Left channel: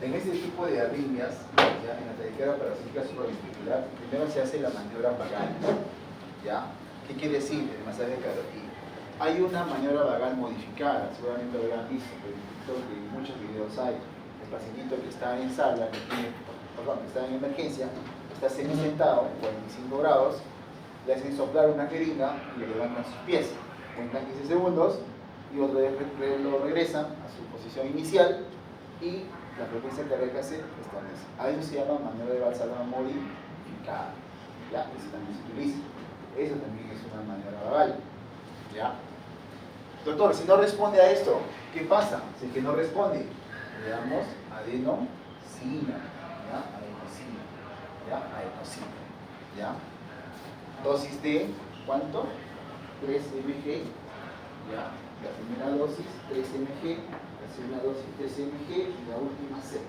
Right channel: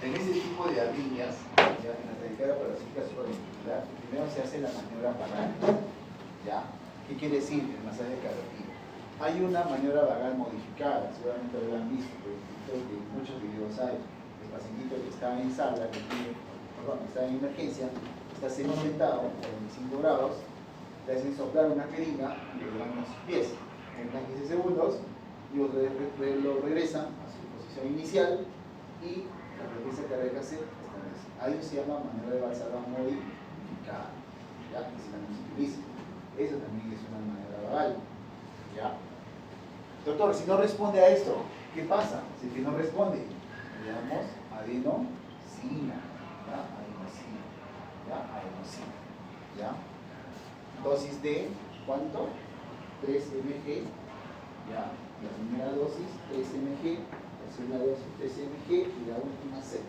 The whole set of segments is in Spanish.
En este tipo de arritmias, ¿ya? En la taquicardia parasítica supraventricular, primero se hace la maniobra vagal, ¿ya? ¿Qué quiere decir el masaje carotida? Hay una maniobra vagal modificada, seguramente lo habrán visto, pero en muchos videos hay. El pacientito que está en sala, que está en emergencia, está semi-sentado, 45 grados, le hacen soplar una jeringa y lo levantan sus pies. Cuentan 15 segundos y otra vez lo regresan a su posición inicial y la frecuencia cardíaca se establece. A eso se llama maniobra de Valsalva modificada. ¿Ya? Eso también se utiliza. Eso también es una maniobra vagal. ¿Ya? Doctor, si no responde a esto, ¿qué pasa? Si es que no responde, le damos adenosina. ¿Ya? Adenosina. ¿Ya? Adenosina. ¿Ya? Dosis de, ¿cuánto? 3 mg. ¿Ya? La primera dosis, 3 mg. La segunda dosis, 3 mg. Y la última, 6.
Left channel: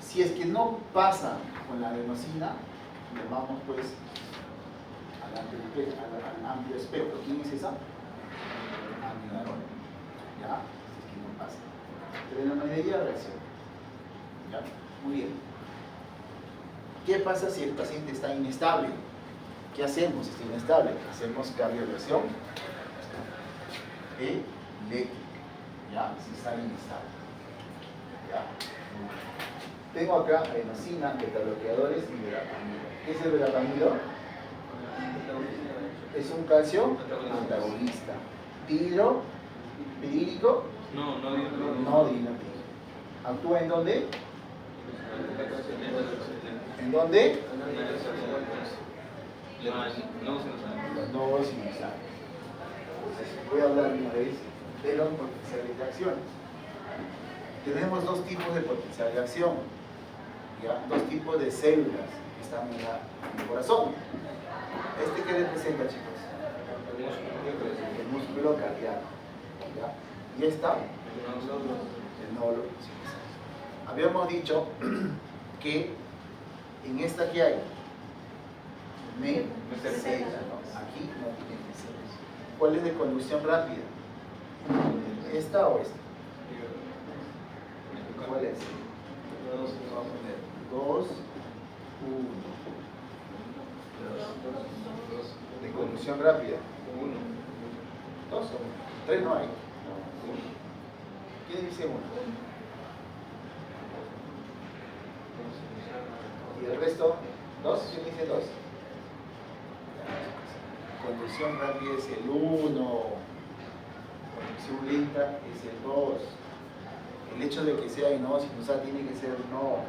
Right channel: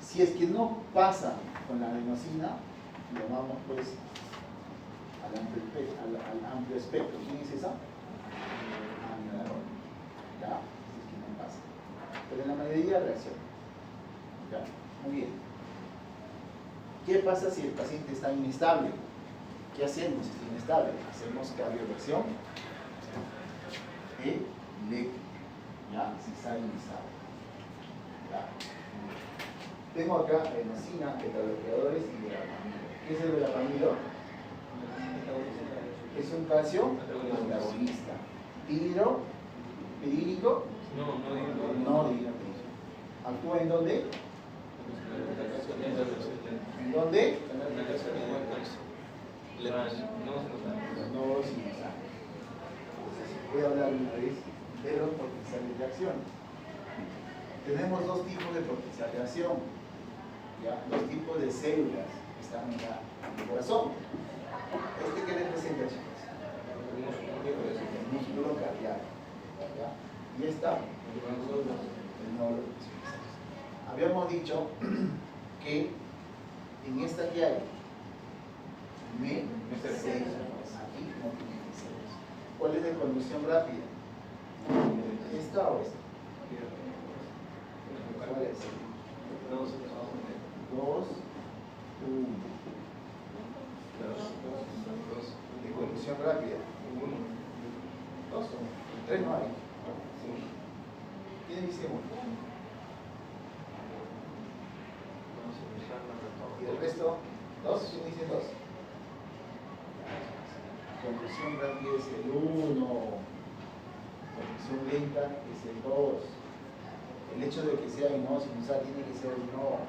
Si es que no pasa con la adenosina, llamamos pues al amplio espectro. ¿Quién es esa? Amigadora. ¿Ya? Si es que no pasa. Pero en la mayoría reacciona. ¿Ya? Muy bien. ¿Qué pasa si el paciente está inestable? ¿Qué hacemos si está inestable? Hacemos cardioversión eléctrica. ¿Ya? Si está inestable. ¿Ya? Tengo acá adenosina, betabloqueadores y verapamido. ¿Qué es el verapamido? Es un calcio antagonista. ¿Dihidrílico? No dihidrílico. ¿Actúa en dónde? ¿En dónde? Los nodos sinusales. Voy a hablar una vez de los potenciales de acción. Tenemos dos tipos de potencial de acción, ¿ya? Dos tipos de células que están en el corazón. ¿Este qué representa, chicos? El músculo cardíaco, ¿ya? Y esta, el nódulo sinusal. Habíamos dicho que en esta que hay, célula, ¿no? Aquí no tiene células. ¿Cuál es de conducción rápida? ¿Esta o esta? ¿Cuál es? 2, 1. De conducción rápida. 2 o 3 no hay. ¿Quién dice 1? ¿Y el resto? 2. ¿Quién dice 2? Conducción rápida es el 1. Conducción lenta es el 2. El hecho de que sea no sinusal tiene que ser no.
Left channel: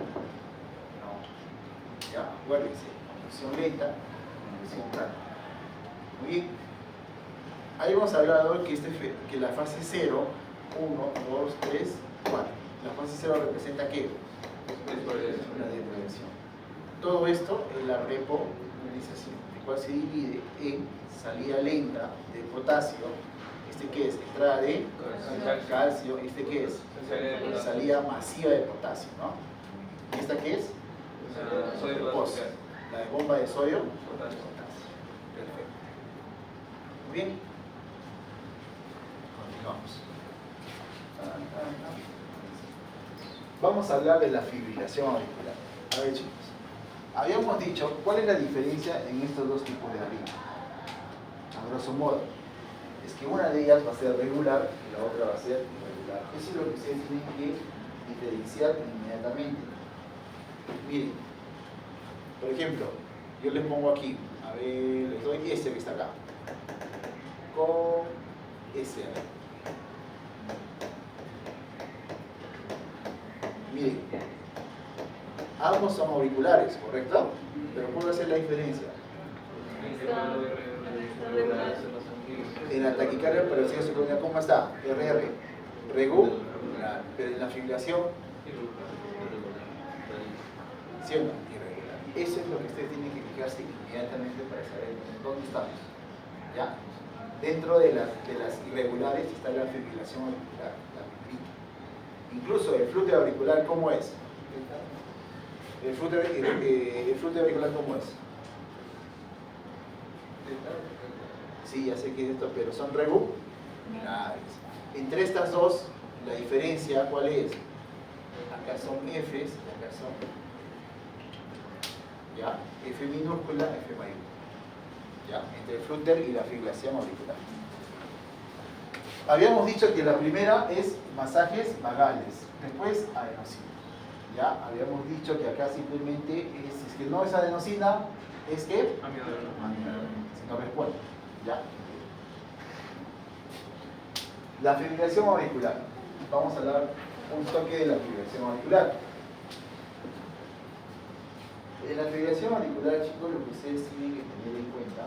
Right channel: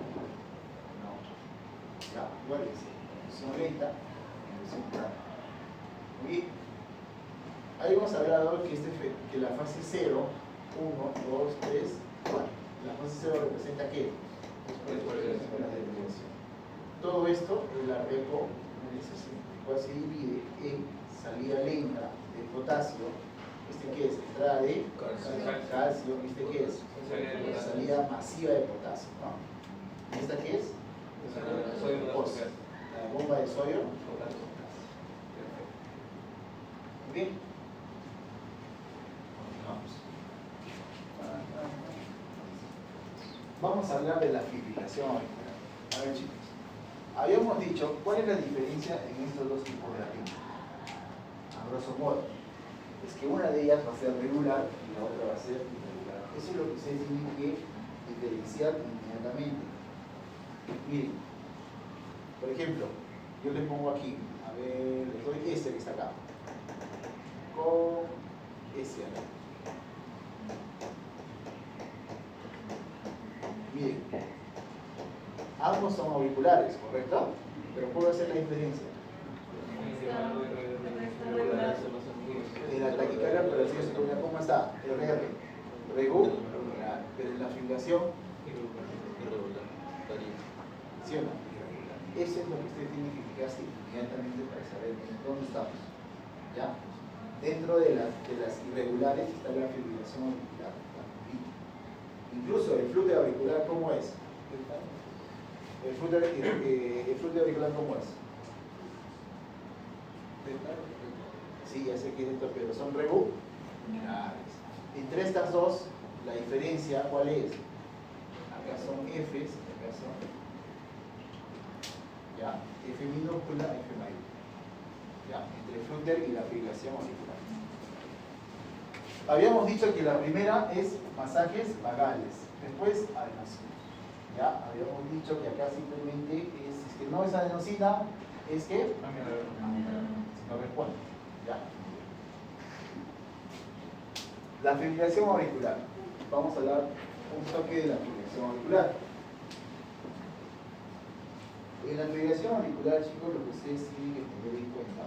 Ya, acuérdense. Conducción lenta, conducción rápida. Muy bien. Ahí hemos hablado que la fase 0, 1, 2, 3, 4. La fase 0 representa ¿qué? La depredación. Todo esto es la repolarización, el cual se divide en salida lenta de potasio. ¿Este qué es? Entrada de calcio. ¿Este qué es? Salida masiva de potasio, ¿no? ¿Y esta qué es? POS. La de bomba de sodio. Perfecto. Muy bien. Continuamos. Vamos a hablar de la fibrilación auricular. A ver, chicos. Habíamos dicho, ¿cuál es la diferencia en estos dos tipos de arritmia? A grosso modo, es que una de ellas va a ser regular y la otra va a ser irregular. Eso es lo que ustedes tienen que diferenciar inmediatamente. Miren, por ejemplo, yo les pongo aquí, a ver, les doy este que está acá, con este, a ver. Miren, ambos son auriculares, ¿correcto? Pero ¿cuál va a ser la diferencia? En la taquicardia parasítica supraventricular, ¿cómo está? RR, regular, pero en la fibrilación, ¿sí o no? Irregular. Eso es lo que ustedes tienen que fijarse inmediatamente para saber dónde estamos. ¿Ya? Dentro de las irregulares está la fibrilación auricular, la fibrita. Incluso el flúor auricular, ¿cómo es? El flúor auricular, ¿cómo es? Sí, ya sé que es esto, pero son regulares. Entre estas dos, la diferencia, ¿cuál es? acá son Fs, acá son, ¿ya? F minúscula, F mayúscula, ¿ya? Entre el flúter y la fibrilación auricular. Habíamos dicho que la primera es masajes vagales, después adenosina. ¿Ya? Habíamos dicho que acá simplemente es, si es que no es adenosina, es que amiodarona, si no responde. ¿Ya? La fibrilación auricular. Vamos a hablar un toque de la fibrilación auricular. En la fibrilación auricular, chicos, lo que ustedes tienen que tener en cuenta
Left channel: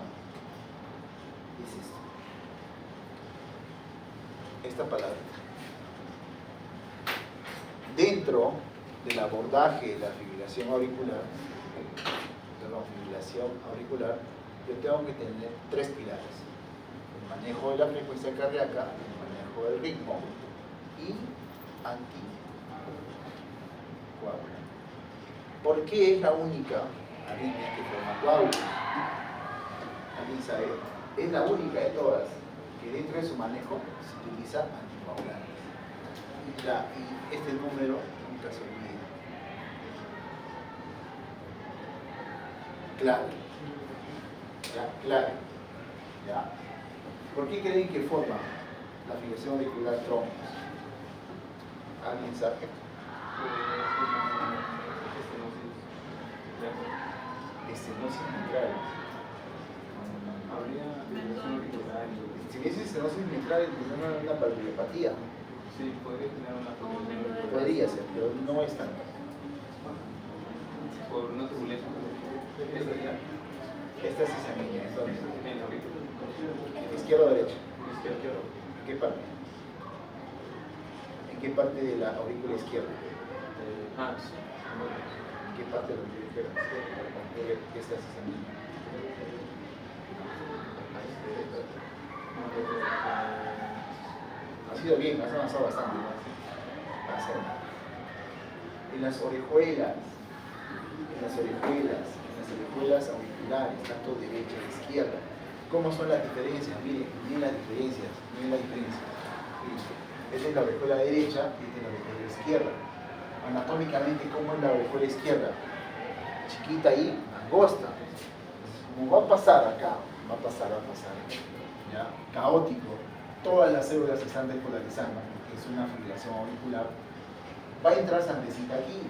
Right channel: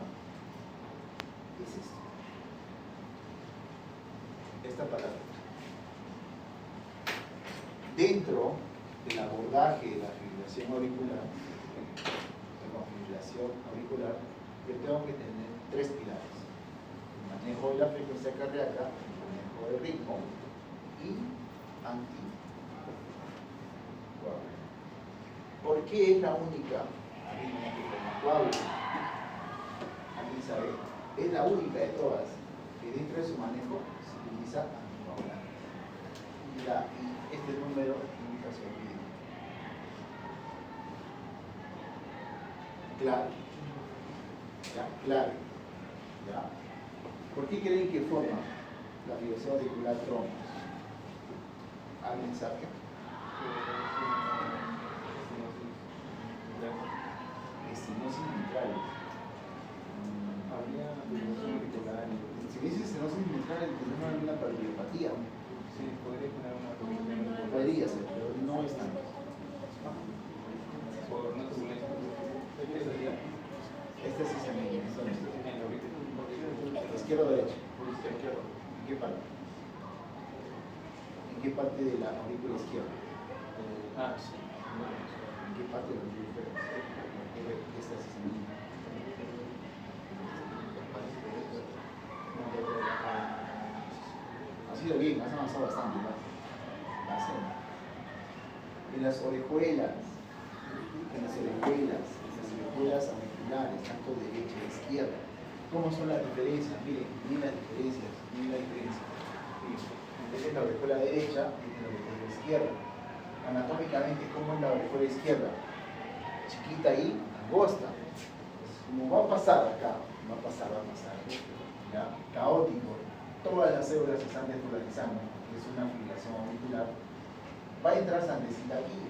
es esto. Esta palabra. Dentro del abordaje de la fibrilación auricular, yo tengo que tener tres pilares: el manejo de la frecuencia cardíaca, el manejo del ritmo y anticoagulante. ¿Por qué es la única arritmia que forma coágulos? ¿Alguien sabe? Es la única de todas que dentro de su manejo se utiliza anticoagulante. Y este número nunca se olvida. Clave. ¿Ya? Clave. ¿Ya? ¿Por qué creen que forma la fibrilación auricular trombos? ¿Alguien sabe? Estenosis mitral. Habría fibrilación auricular. Si dices estenosis mitral, tendría una cardiopatía. Sí, podría tener una fibrilación auricular. Podría ser, pero no es tanto. Por una turbulencia. ¿Qué sería? Esta sí se mide, entonces. En la aurícula. ¿Izquierda o derecha? Izquierda. ¿En qué parte? ¿En qué parte de la aurícula izquierda? Sí. ¿En qué parte de la aurícula izquierda? Esta sí se mide. Ha sido bien, has avanzado bastante. En las orejuelas, auriculares, tanto derecha e izquierda. ¿Cómo son las diferencias? Miren las diferencias. Esta es la orejuela derecha y esta es la orejuela izquierda. Anatómicamente, ¿cómo es la orejuela izquierda? Chiquita y angosta. Como va a pasar acá, va a pasar. ¿Ya? Caótico. Todas las células se están despolarizando. Es una fibrilación auricular. Va a entrar sangrecita aquí,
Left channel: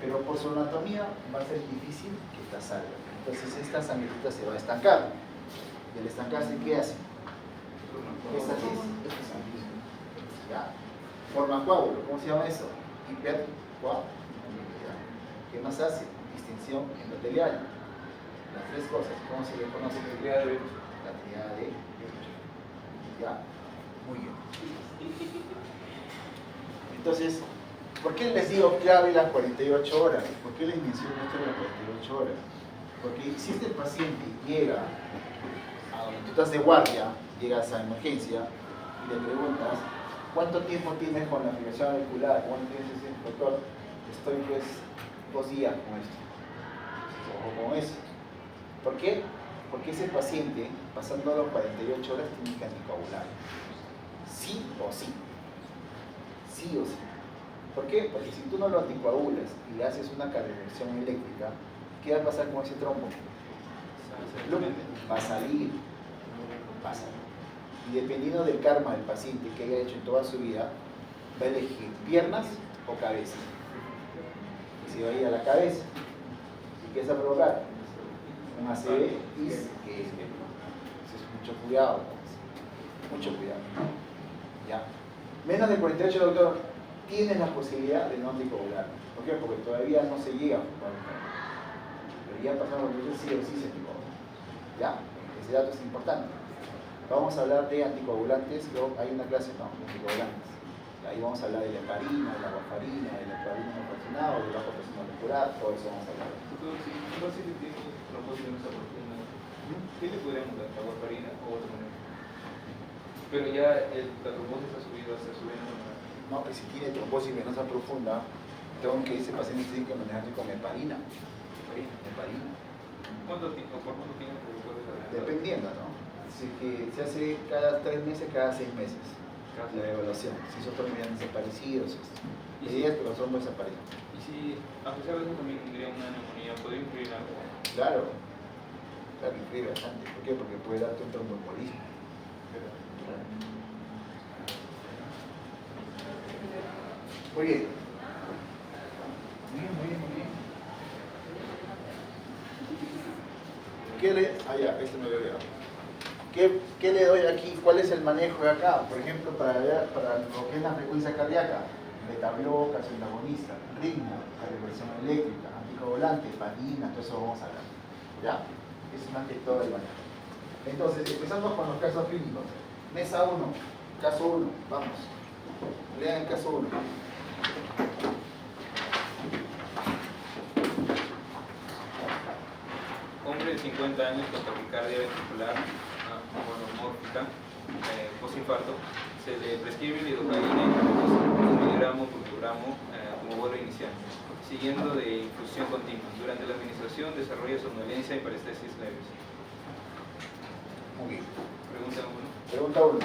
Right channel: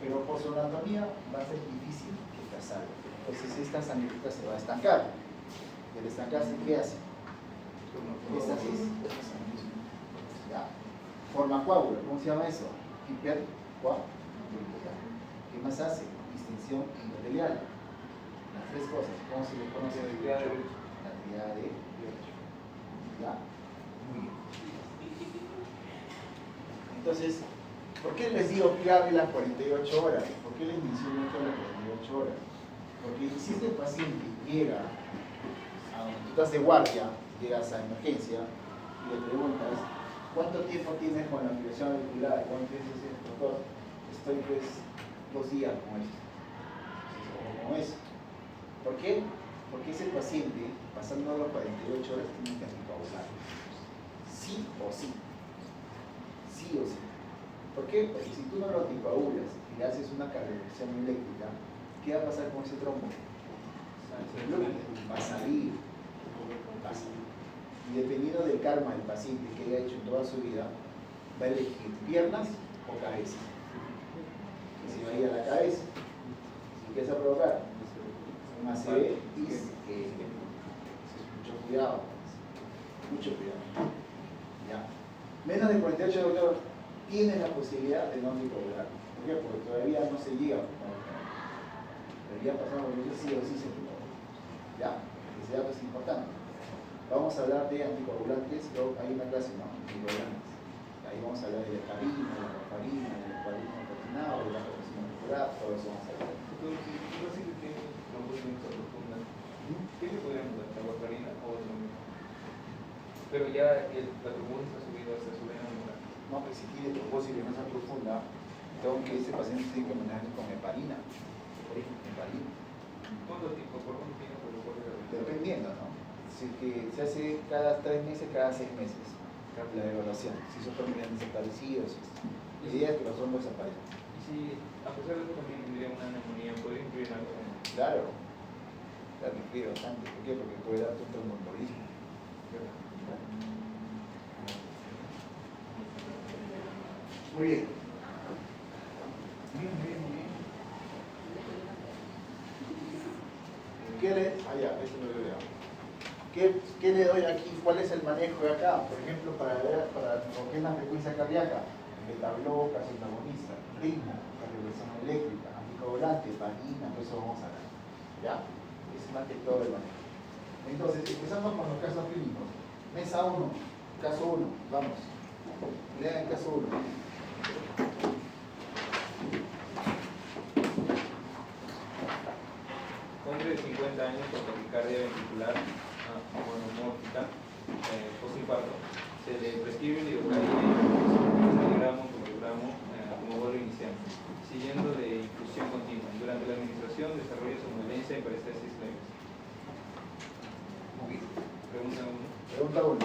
pero por su anatomía va a ser difícil que esta salga. Entonces esta sangrecita se va a estancar. Y al estancarse, ¿qué hace? Esta sangre. ¿Ya? Forma coágulo. ¿Cómo se llama eso? Hipercoagulación. ¿Qué más hace? Distensión endotelial. Las tres cosas. ¿Cómo se le conoce? La triada de ¿ya? Muy bien. Entonces, ¿por qué les digo clave las 48 horas? ¿Por qué les menciono esto de las 48 horas? Porque si este paciente llega a donde tú estás de guardia, llegas a emergencia y le preguntas, ¿cuánto tiempo tienes con la fibrilación auricular? ¿Cuánto tienes ese doctor? Estoy pues 2 días con esto. O con eso. ¿Por qué? Porque ese paciente, pasando las 48 horas, tiene que anticoagular. Sí o sí. Sí o sí. ¿Por qué? Porque si tú no lo anticoagulas y le haces una cardioversión eléctrica, ¿qué va a pasar con ese trombo? Va a salir. Y dependiendo del karma del paciente que haya hecho en toda su vida, va a elegir piernas o cabeza. Y si va a ir a la cabeza, ¿qué vas a provocar? Un ACV y mucho cuidado. Mucho cuidado. ¿Ya? Menos de 48, doctor, tienes la posibilidad de no anticoagular. ¿Por qué? Porque todavía no se llega a pero ya pasamos por el sí o sí se anticoagula. ¿Ya? Ese dato es importante. Vamos a hablar de anticoagulantes. Hay una clase, ¿no? De anticoagulantes. Y ahí vamos a hablar de la heparina, de la warfarina, del heparina no calcinado, del bajo presión auricular, todo eso vamos a hablar. Entonces, si un paciente tiene trombosis venosa profunda, ¿qué le podríamos dar? ¿La warfarina o otra manera? Pero ya la trombosis ha subido hacia su vena normal. No, que si tiene trombosis venosa profunda, tengo que ese paciente tiene que manejarse con heparina. Heparina. ¿Por cuánto tiempo lo puede dar? Dependiendo, ¿no? Así que se hace cada 3 meses, cada 6 meses. la evaluación, si esos hombres han desaparecido. La idea es que los hombres desaparezcan. Y si, a pesar de eso, también tendría una neumonía, ¿podría influir en algo? Claro, claro, influye bastante. ¿Por qué? Porque puede darte un tromboembolismo. Claro. Muy bien. Muy bien. ¿Qué le...? Ah, ya, esto me lo he olvidado. ¿Qué le doy aquí? ¿Cuál es el manejo de acá? Por ejemplo, para lo que es la frecuencia cardíaca, beta-bloca, antagonista, ritmo, calibración eléctrica, anticoagulante, heparina, todo eso vamos a ver. ¿Ya? Es más que todo el manejo. Entonces, empezamos con los casos clínicos. Mesa 1, caso 1, vamos. Lean el caso 1. Hombre de 50 años con taquicardia ventricular monomórfica, postinfarto, se le prescribe lidocaína en 2 miligramos por kilogramo como vuelo inicial, siguiendo de infusión continua. Durante la administración desarrolla somnolencia y parestesis leves. Muy bien. Pregunta 1. Pregunta 1.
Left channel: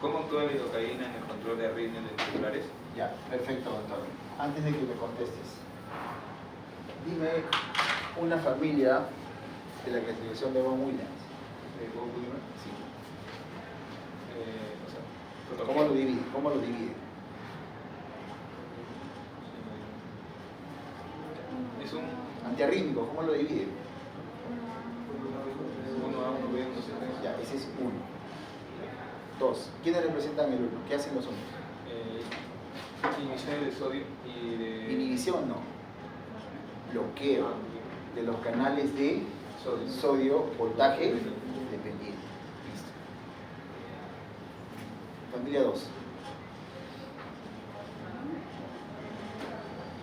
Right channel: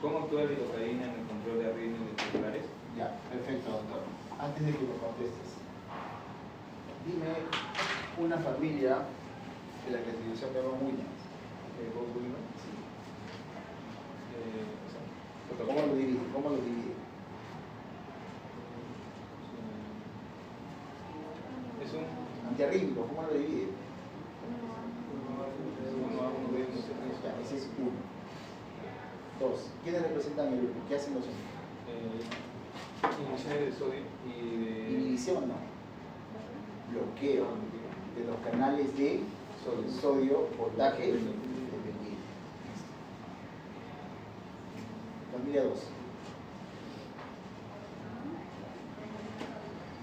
¿Cómo actúa la lidocaína en el control de arritmias ventriculares? Ya, perfecto, doctor. Antes de que me contestes, dime una familia de la clasificación de Von Williams. ¿Bob Williams? Sí. O sea, ¿Cómo lo divide? ¿Cómo lo divide? Es un Antiarrítmico, ¿cómo lo divide? 1A, 1B, 1C. Ya, ese es 1. 2. ¿Quiénes representan el 1? ¿Qué hacen los hombres? Inhibición de sodio y de... Inhibición, no. Bloqueo de los canales de sodio, voltaje dependiente. Listo. Familia 2.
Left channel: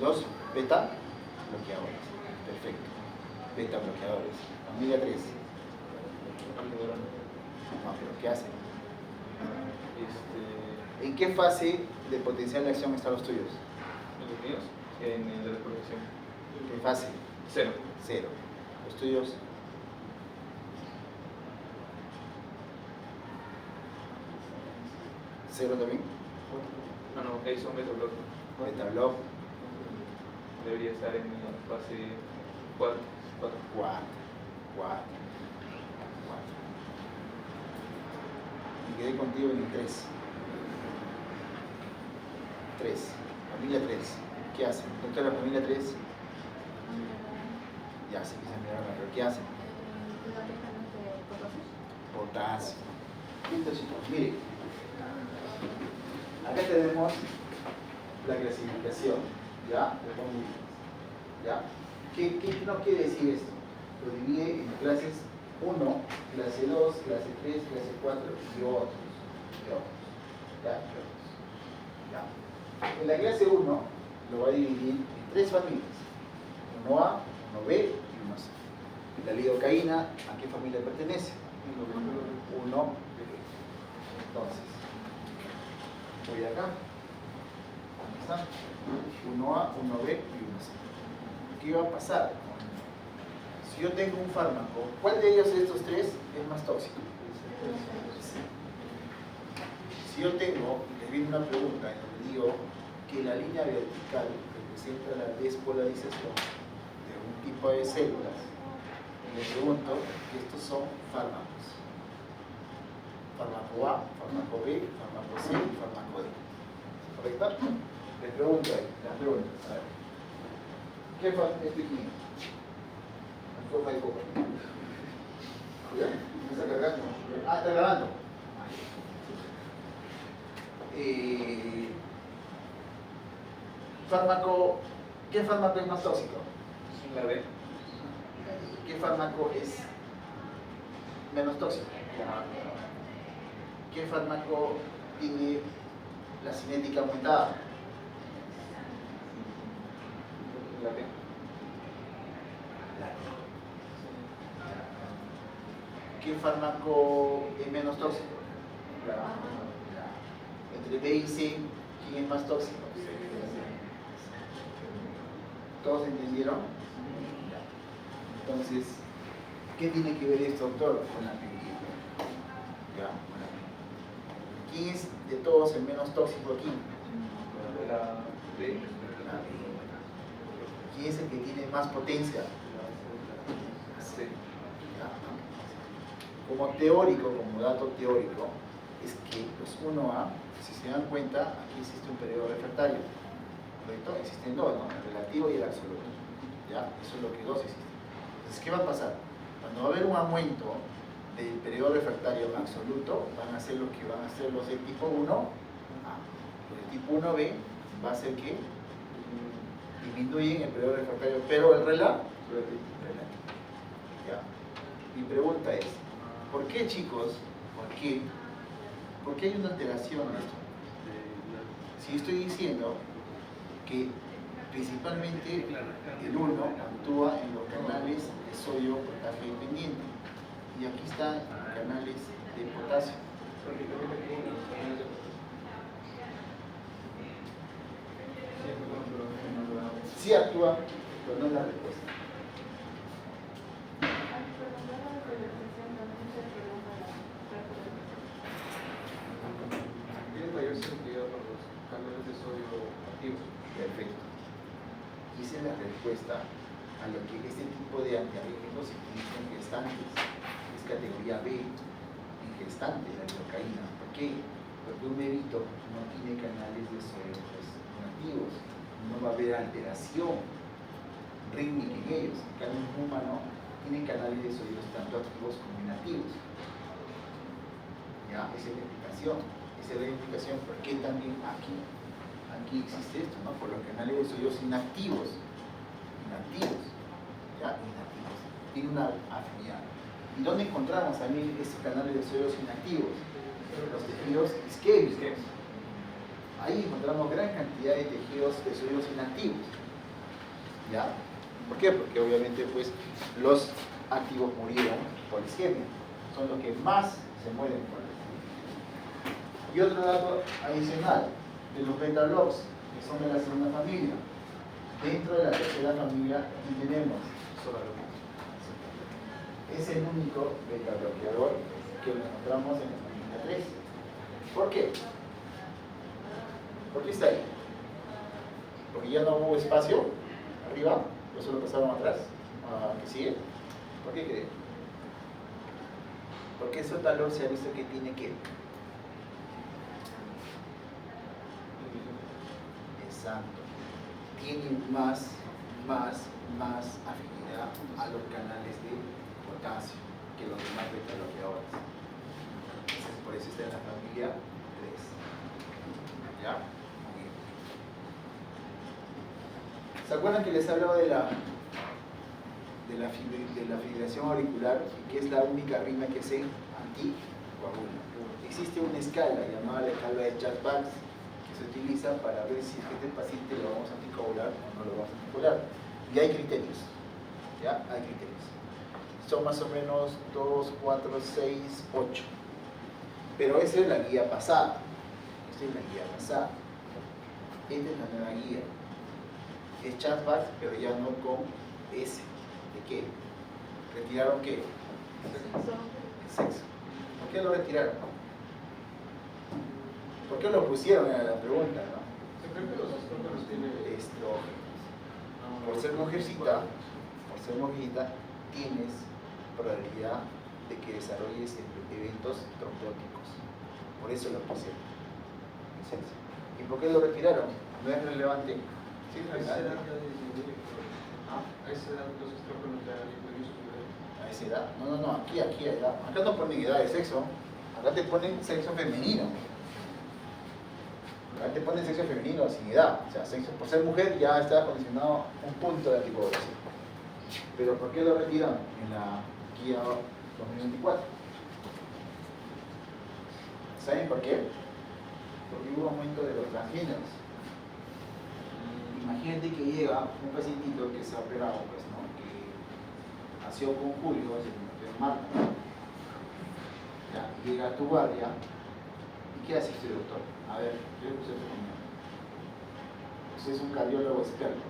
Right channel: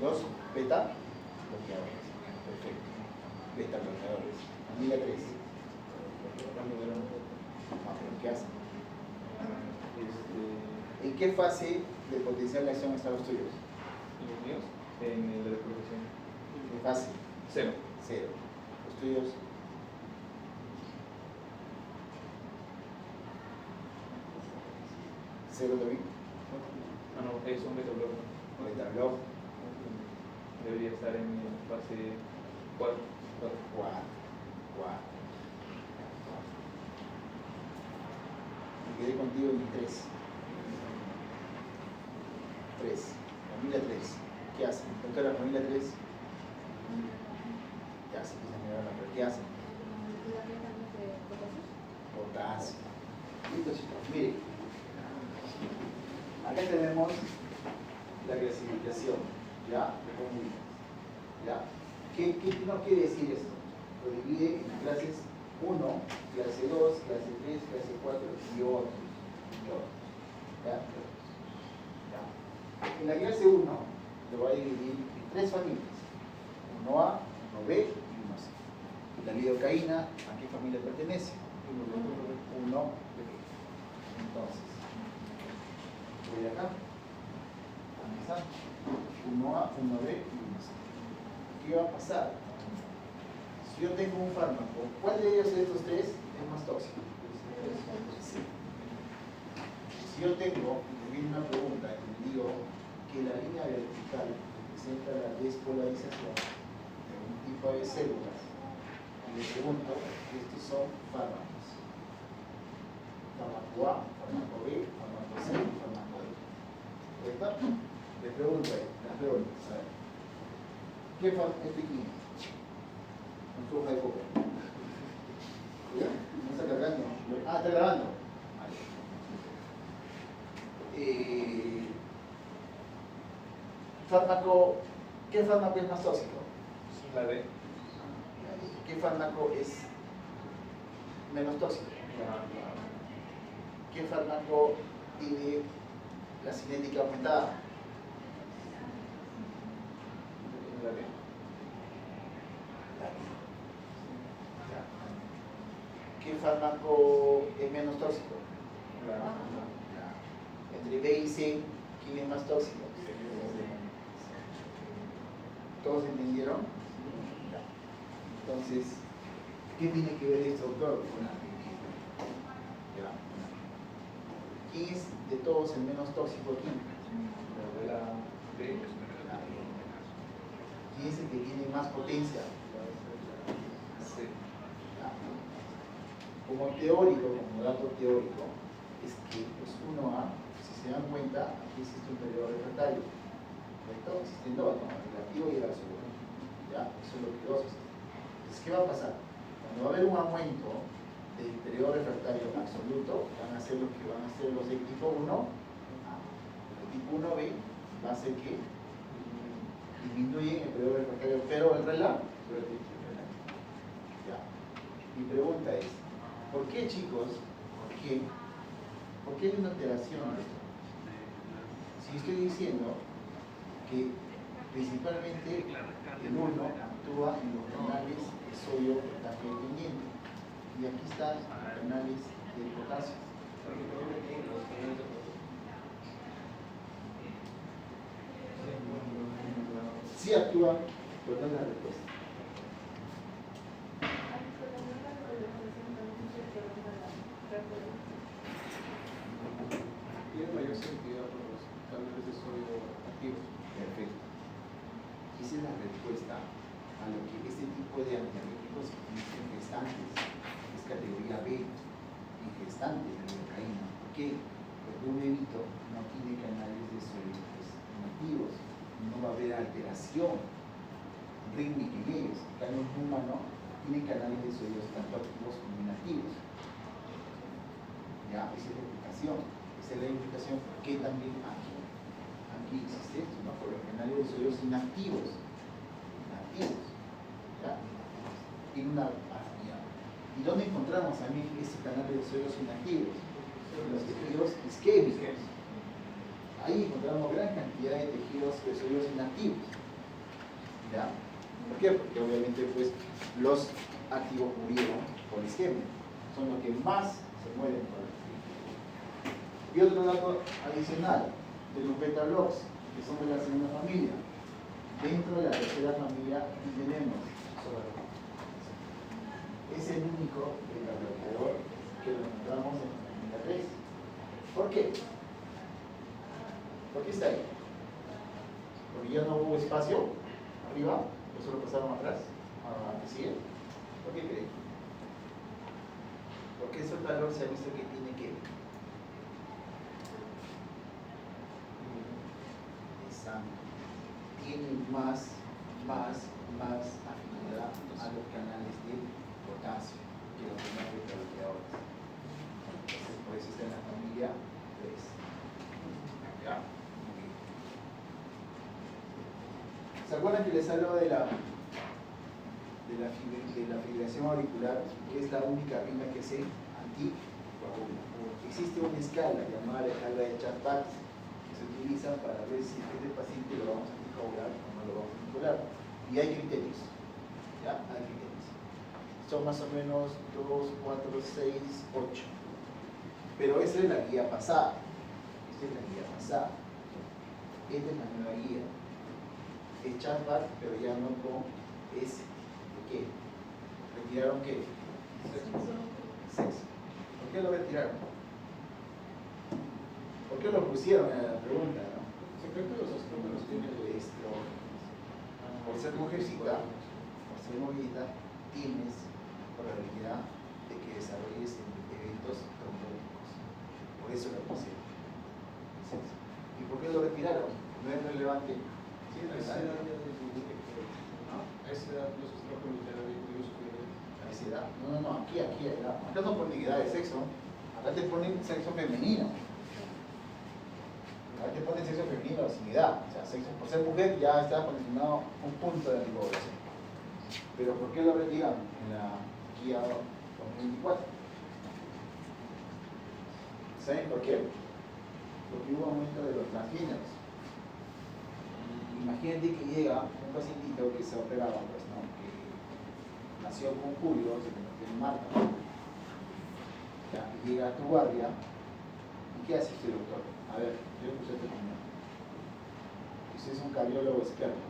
Los beta bloqueadores. Perfecto. Beta bloqueadores. Familia 3. No, pero ¿qué hacen? ¿En qué fase de potencial de acción están los tuyos? Los míos, en la desprotección. ¿Qué fase? 0. 0. Los tuyos. ¿0 también? Ah, no, es un beta-block. Beta block. Debería estar en la fase 4. 4. Me quedé contigo en 3. 3. Familia 3. ¿Qué hacen? ¿Dónde está la familia 3? Ya sé que se miraron, pero ¿qué hacen? Potasio. Listo, chicos. Miren. Acá tenemos la clasificación. ¿Ya? ¿Ya? ¿Qué no quiere decir esto? Lo divide en clases 1, clase 2, clase 3, clase 4 y otros. ¿Ya? ¿Ya? En la clase 1 lo va a dividir en 3 familias. 1A, 1B y 1C. La lidocaína, ¿a qué familia pertenece? 1B. Entonces, voy acá. ¿Dónde está? 1A, 1B y 1C. ¿Qué va a pasar? Si yo tengo un fármaco, ¿cuál de ellos de estos 3 es más tóxico? Sí. Si yo tengo, les viene una pregunta en donde digo que la línea vertical representa la despolarización de un tipo de células, y les pregunto que estos son fármacos. Fármaco A, fármaco B, fármaco C y fármaco D. ¿Correcto? Les pregunto ahí, les pregunto. A ver. ¿Qué fármaco es químico? Enfoca y foca. ¿Ya? ¿No está cargando? Ah, está grabando. Fármaco, ¿qué fármaco es más tóxico? La B. ¿Qué fármaco es menos tóxico? ¿Qué fármaco tiene la cinética aumentada? La B. ¿Qué fármaco es menos tóxico? La A. Entre B y C, ¿quién es más tóxico? ¿Todos entendieron? Entonces, ¿qué tiene que ver esto, doctor? Con la actividad. ¿Ya? ¿Quién es de todos el menos tóxico aquí? La B. ¿Quién es el que tiene más potencia? C. Como teórico, como dato teórico, es que los 1A, si se dan cuenta, aquí existe un periodo refractario, ¿correcto? Existen dos, ¿no? El relativo y el absoluto. ¿Ya? Eso es lo que dos existen. Entonces, ¿qué va a pasar? Cuando va a haber un aumento del periodo refractario absoluto, van a ser lo que van a ser los del tipo 1A. Los del tipo 1B va a ser que disminuyen el periodo refractario, pero el relativo. ¿Ya? Mi pregunta es, ¿por qué, chicos? ¿Por qué hay una alteración en esto? Si estoy diciendo que principalmente el 1 actúa en los canales de sodio potasio dependiente y aquí están canales de potasio. Sí actúa, pero no es la respuesta. Tiene mayor sensibilidad por los canales de sodio activos. Perfecto. Esa es la respuesta a lo que este tipo de antiarrítmicos se utilizan en gestantes. Es categoría B, en gestantes, la lidocaína. ¿Por qué? Porque un bebito no tiene canales de sodio activos. No va a haber alteración rítmica en ellos. En cambio, un humano tiene canales de sodio tanto activos como inactivos. ¿Ya? Esa es la explicación. Esa es la explicación por qué también aquí existe esto, ¿no? Por los canales de sodio inactivos. ¿Ya? Inactivos. Tiene una afinidad. ¿Y dónde encontramos también estos canales de sodio inactivos? En los tejidos isquémicos. Ahí encontramos gran cantidad de tejidos de sodio inactivos. ¿Ya? ¿Por qué? Porque obviamente pues los activos murieron por isquemia. Son los que más se mueren por el isquemia. Y otro dato adicional, de los beta-blocs, que son de la segunda familia. Dentro de la tercera familia tenemos es el único beta-bloqueador que lo encontramos en la familia 3. ¿Por qué? ¿Por qué está ahí? Porque ya no hubo espacio arriba, por eso lo pasaron atrás. ¿Qué sigue? ¿Por qué creen? Porque ese valor se ha visto que tiene que. Exacto. Tiene más afinidad a los canales de potasio que los demás beta-bloqueadores. Por eso está en la familia 3. ¿Ya? Muy bien. ¿Se acuerdan que les hablaba de la fibrilación auricular, que es la única arritmia que se anticoagula? Existe una escala llamada la escala de Charles-Bach que se utiliza para ver si este paciente lo vamos a anticoagular o no lo vamos a anticoagular. Y hay criterios. ¿Ya? Hay criterios. Son más o menos 2, 4, 6, 8. Pero esa es la guía pasada. Esta es la guía pasada. Esta es la nueva guía. Es Charles-Bach, pero ya no con S. ¿De qué? ¿Retiraron qué? El sexo. ¿Por qué lo retiraron? ¿Por qué lo pusieron en la pregunta? ¿No? Creo que los estrógenos tienen Estrógenos. Por ser mujercita, tienes probabilidad de que desarrolles eventos trombóticos. Por eso lo pusieron. ¿Y por qué lo retiraron? ¿No es relevante? Sí, es relevante. A esa edad los estrógenos ya han incluido su nivel. A esa edad. No, aquí, edad. Acá no ponen edad de sexo. Acá te ponen sexo femenino. Acá te ponen sexo femenino sin edad. O sea, sexo, por ser mujer ya está condicionado un punto de anticoagulación. Pero ¿por qué lo retiraron en la guía 2024? ¿Saben por qué? Porque hubo aumento de los transgéneros. Imagínate que llega un pacientito que se ha operado, pues, ¿no? Que nació con Julio, se convirtió en Marta. Ya, y llega a tu guardia, ¿y qué hace este doctor? A ver, yo puse tu opinión. Usted es un cardiólogo experto.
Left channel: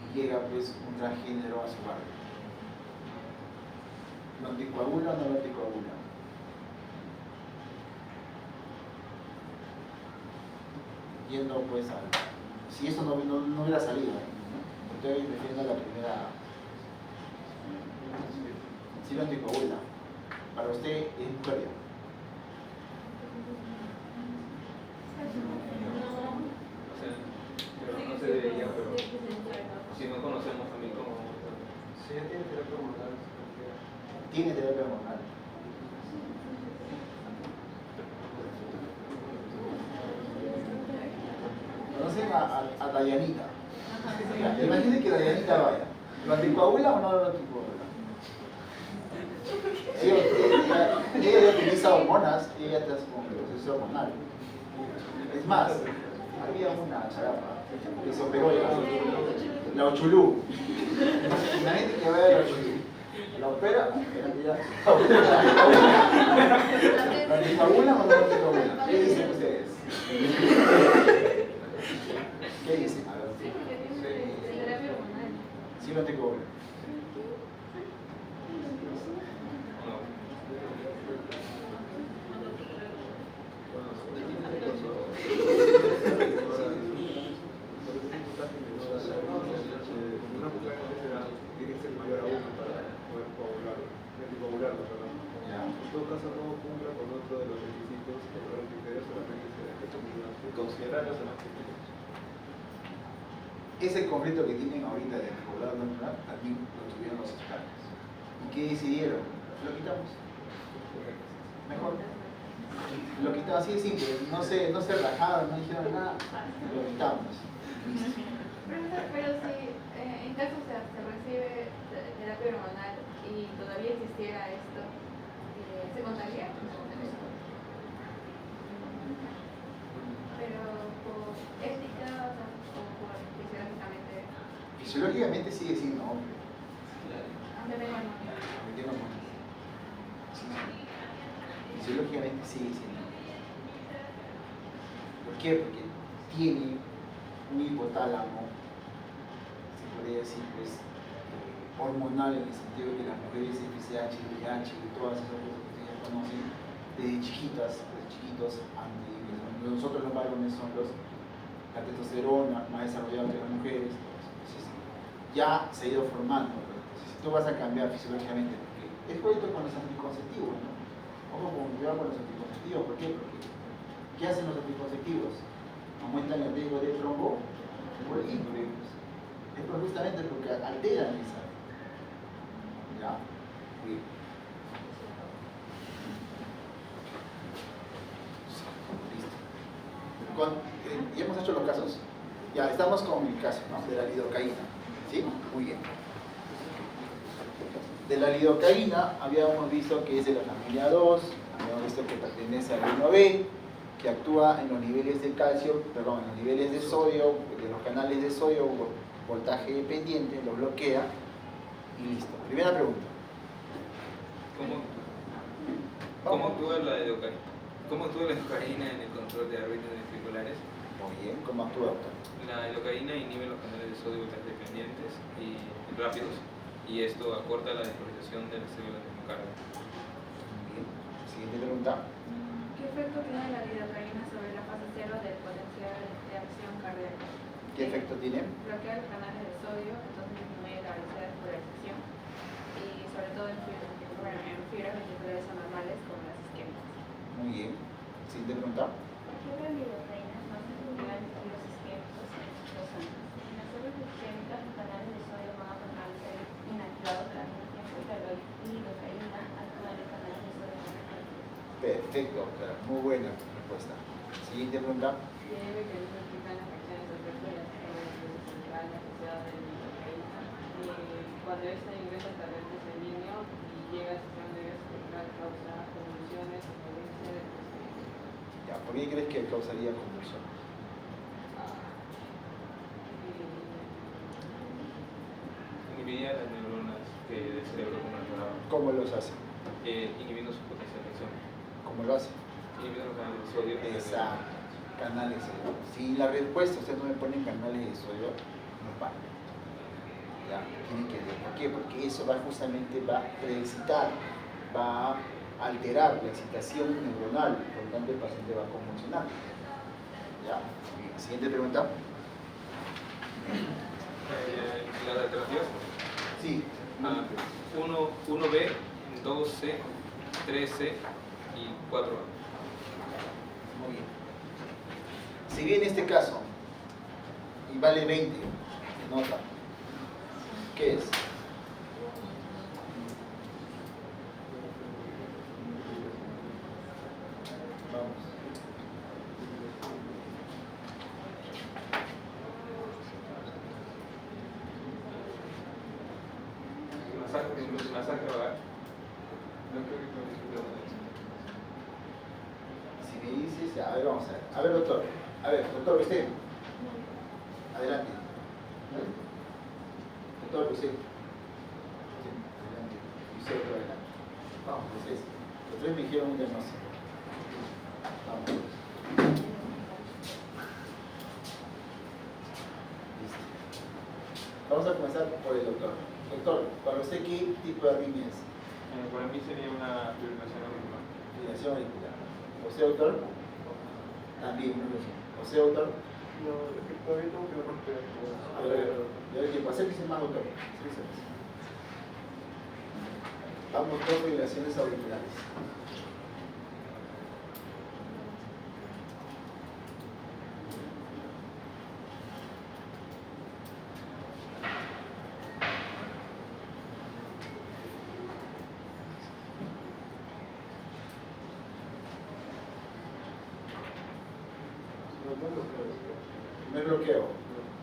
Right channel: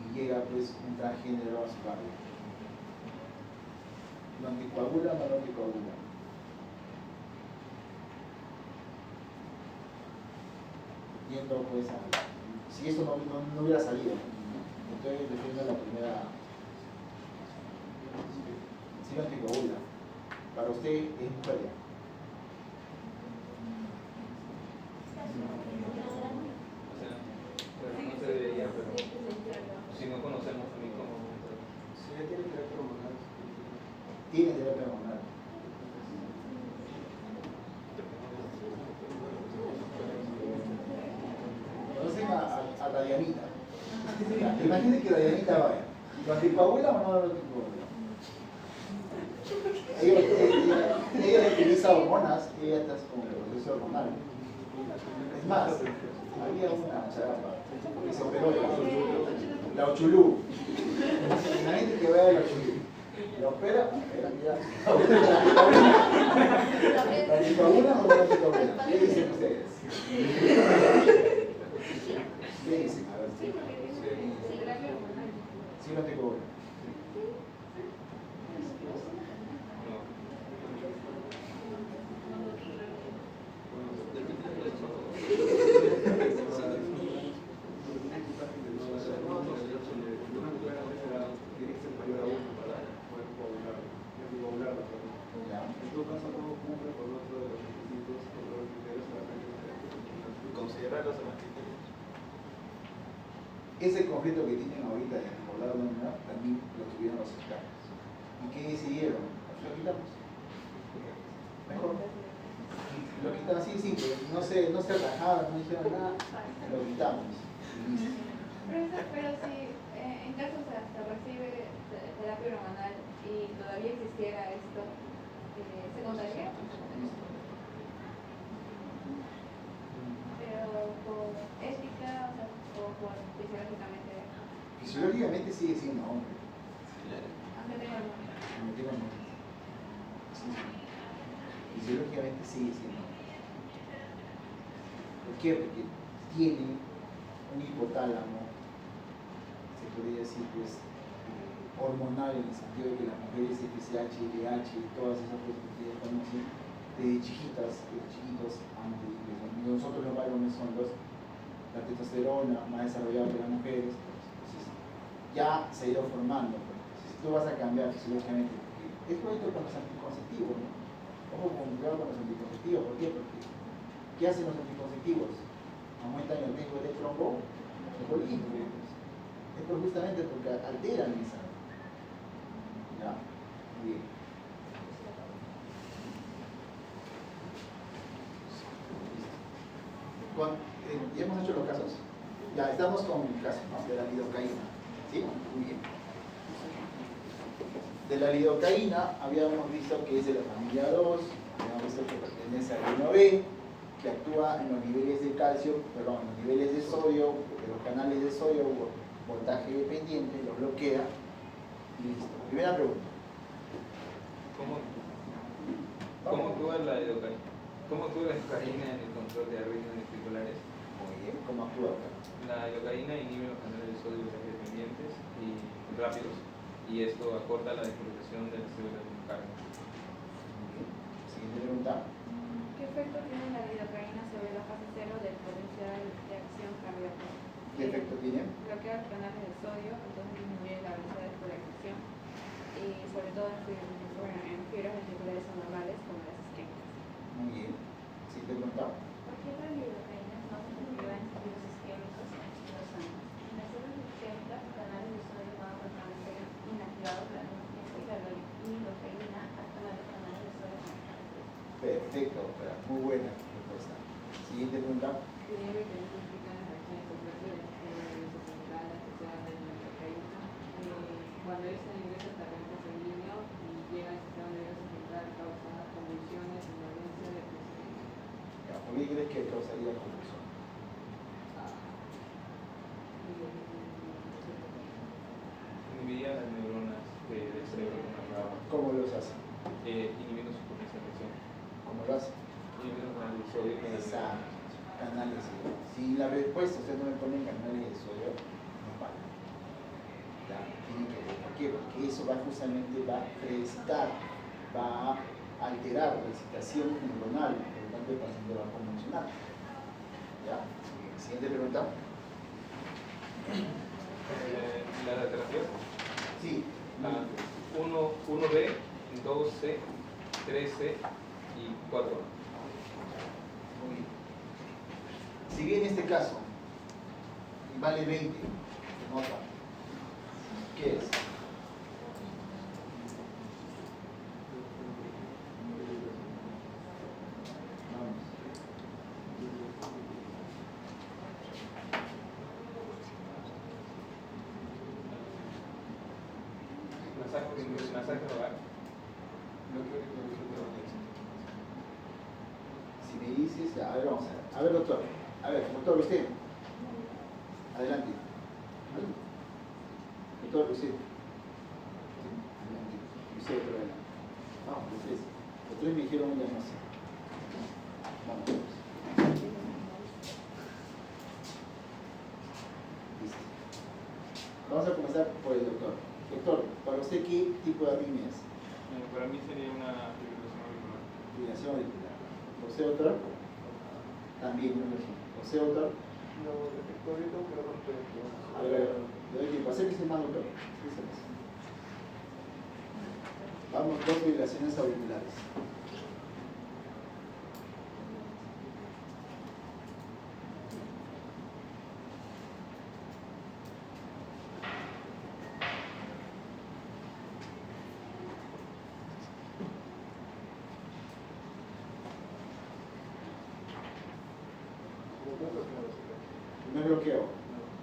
Y llega pues un transgénero a su barrio. ¿Lo anticoagula o no lo anticoagula? yendo pues a... Si esto no hubiera salido, estoy defendiendo la primera... Si no te coagula, para usted es mujer ya. Pero no se debería, pero si no conocemos también cómo... Si ya tiene terapia hormonal, Tiene terapia hormonal. Conocen a Dayanita. Imagínate que Dayanita vaya. ¿Lo anticoagula o no lo anticoagula? Ella ya utiliza hormonas y ella está con el proceso hormonal. Es más, había una charapa que se operó la Ochulú. Imagínate que vaya a la Ochulú. La opera, ¿la anticoagula o no la anticoagula? ¿Qué dicen ustedes? ¿Qué dicen? Sí, no anticoagula. una mujer de esa edad tiene que ser mayor a 1 para poder coagularlo, perdón. Ya. En todo caso, no cumpla con otro de los requisitos o de los criterios solamente considerarlos en los criterios. Ese conflicto que tienen ahorita de poblar hormonal también lo tuvieron los expertos. ¿Y qué decidieron? Lo quitamos. Mejor. Lo quitamos así de simple. No se rajaron, no dijeron nada. Lo quitamos. Listo. Pero si en caso se recibe terapia hormonal y todavía existiera esto, ¿se contagia? Pero por ética, o sea, o por fisiológicamente. Fisiológicamente sigue siendo hombre. Aunque tengo hormonas. Aunque tenga hormonas. Sí. Fisiológicamente sigue siendo hombre. ¿Por qué? Porque tiene un hipotálamo, se podría decir, pues, hormonal, en el sentido de que las mujeres FSH, LH y todas esas cosas que ustedes conocen, desde chiquitos, nosotros los varones son la testosterona más desarrollada que las mujeres, entonces ya se ha ido formando. Entonces, si tú vas a cambiar fisiológicamente, porque es igual con los anticonceptivos, ¿no? Ojo con cuidado con los anticonceptivos, ¿por qué? Porque ¿qué hacen los anticonceptivos? Aumentan el riesgo de tromboembolismo. Es justamente porque alteran esa. ¿Ya? Bien. Listo. Ya hemos hecho los casos. Ya estamos con el caso, ¿no? De la lidocaína. ¿Sí? Muy bien. De la lidocaína habíamos visto que es de la familia 2, habíamos visto que pertenece al reino B, que actúa en los niveles de calcio, perdón, en los niveles de sodio, de los canales de sodio, voltaje dependiente, lo bloquea y listo. Primera pregunta. ¿Cómo actúa la lidocaína? ¿Cómo actúa la lidocaína en el control de arritmias ventriculares? Muy bien, ¿cómo actúa, doctor? La lidocaína inhibe los canales de sodio dependientes y rápidos, y esto acorta la despolarización de las células del miocardio. Muy bien. Siguiente pregunta. ¿Qué efecto tiene la lidocaína sobre la fase cero del potencial de acción cardíaca? ¿Qué efecto tiene? Bloquea los canales de sodio, entonces disminuye la velocidad de polarización y sobre todo en fibras ventriculares anormales como las isquémicas. Muy bien. Siguiente pregunta. ¿Por qué la lidocaína es más efectiva en tejidos isquémicos que los sanguíneos? En las células isquémicas, los canales de sodio van a permanecer inactivados durante un tiempo y la lidocaína actúa en los canales de sodio permanentes. Perfecto, doctora. Muy buena respuesta. Siguiente pregunta. Tiene mecanismos que implican las reacciones adversas cerebrales asociadas a la lidocaína. Cuando esta ingresa al torrente sanguíneo y llega al sistema nervioso central, causa convulsiones, inherencia de Ya, ¿por qué crees que causaría convulsión? Inhibiría las neuronas del cerebro como la ¿Cómo los hace? inhibiendo su potencia de acción. ¿Cómo lo hace? Inhibiendo los canales de sodio. Exacto. Canales de sodio. Si la respuesta ustedes no me ponen canales de sodio, no vale. Ya, tienen que ver. ¿Por qué? Porque eso va a preexcitar, va a alterar la excitación neuronal, por lo tanto el paciente va a convulsionar. ¿Ya? Muy bien. Siguiente pregunta. Las alternativas. Sí. 1B, 2C, 3C y 4A. Muy bien. Si bien este caso y vale 20, nota, ¿qué es? Vamos. Masaje vagal. Si me dices, ya, a ver, vamos a ver. A ver, doctor. A ver, doctor, usted. Adelante. Doctor, usted. Adelante. Y usted, otro adelante. Vamos, los tres. Los tres me dijeron un diagnóstico. Vamos. Listo. Vamos a comenzar por el doctor. Doctor, para usted, ¿qué tipo de arritmia es? Para mí sería una fibrilación auricular. Fibrilación auricular. ¿Usted, doctor? También, no lo sé. ¿Usted, doctor? No, todavía tengo que romper. A ver, yo doy tiempo. Acérquese más, doctor. Acérquese más. Vamos, dos fibrilaciones auriculares. Primer bloqueo.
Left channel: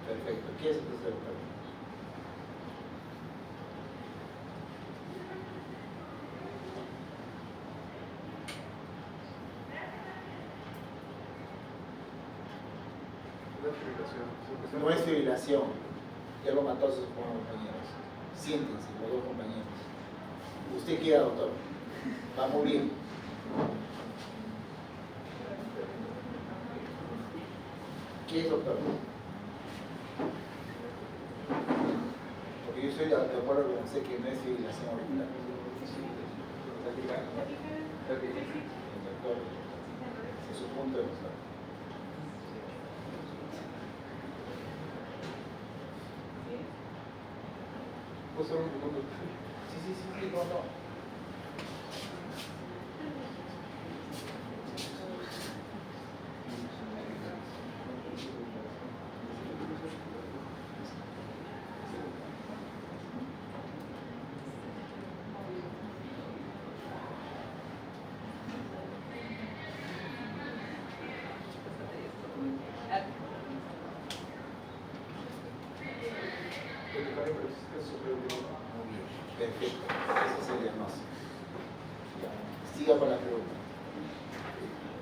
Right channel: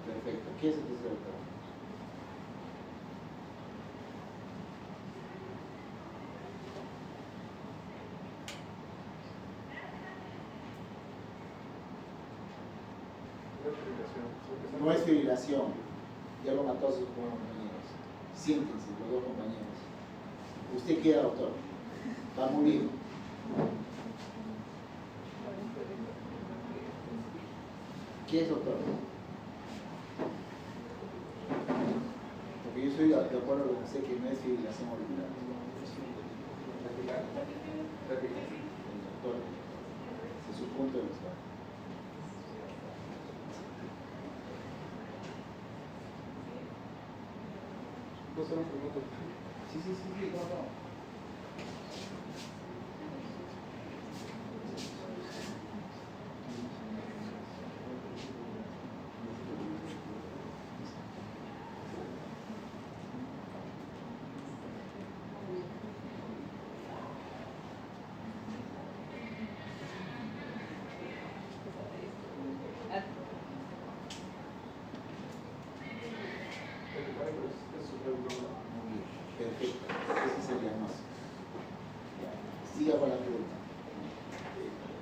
Perfecto. ¿Qué es entonces, doctor? No es fibrilación. Ya lo mató a sus compañeros. Siéntense, los dos compañeros. Usted queda, doctor. Va muy bien. ¿Qué es, doctor? Porque yo estoy de acuerdo con usted que no es fibrilación auricular. Doctor, es su punto de vista. ¿Puedo hacer un minuto? Sí, no. Muy bien, perfecto. Ese es el diagnóstico. Ya. Siga con la pregunta.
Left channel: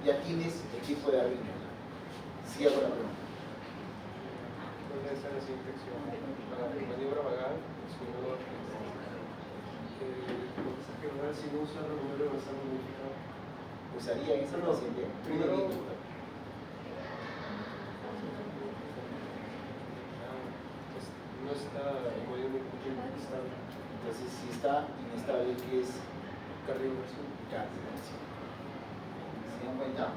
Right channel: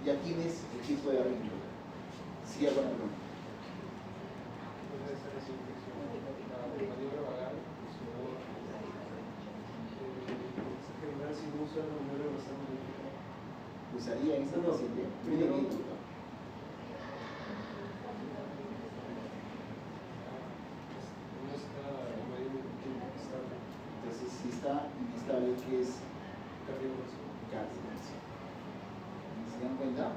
Ya tienes el tipo de arritmia. Siga con la pregunta. ¿Dónde está esa infección? La maniobra vagal, el sudor, si no usa la maniobra basal modificada. Usaría esa paciente. Primero, no está mayormente estable. Entonces, si está inestable, ¿qué es? Cardiovascular. Cardiovascular. ¿Se dan cuenta?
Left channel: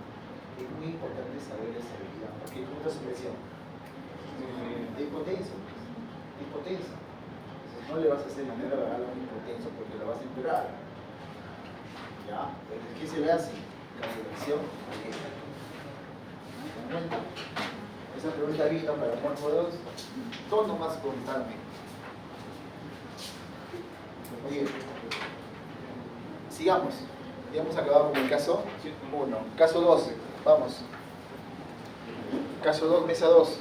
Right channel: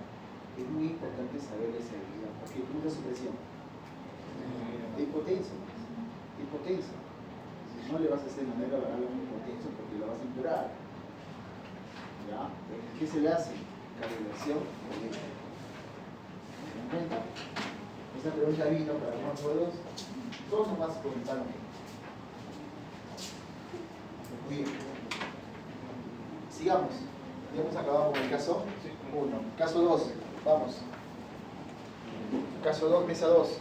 Es muy importante saber esa habilidad, porque nunca su presión. De hipotenso. Entonces, no le vas a hacer manera vagal a un hipotenso porque lo vas a empeorar. ¿Ya? Entonces, ¿qué se le hace? Cardiovascular. ¿Se dan cuenta? Esa pregunta vino para todos. Todos nomás preguntarme. Muy bien. Sigamos. Ya hemos acabado con el caso 1. Caso 2. Vamos. Caso 2, mesa 2.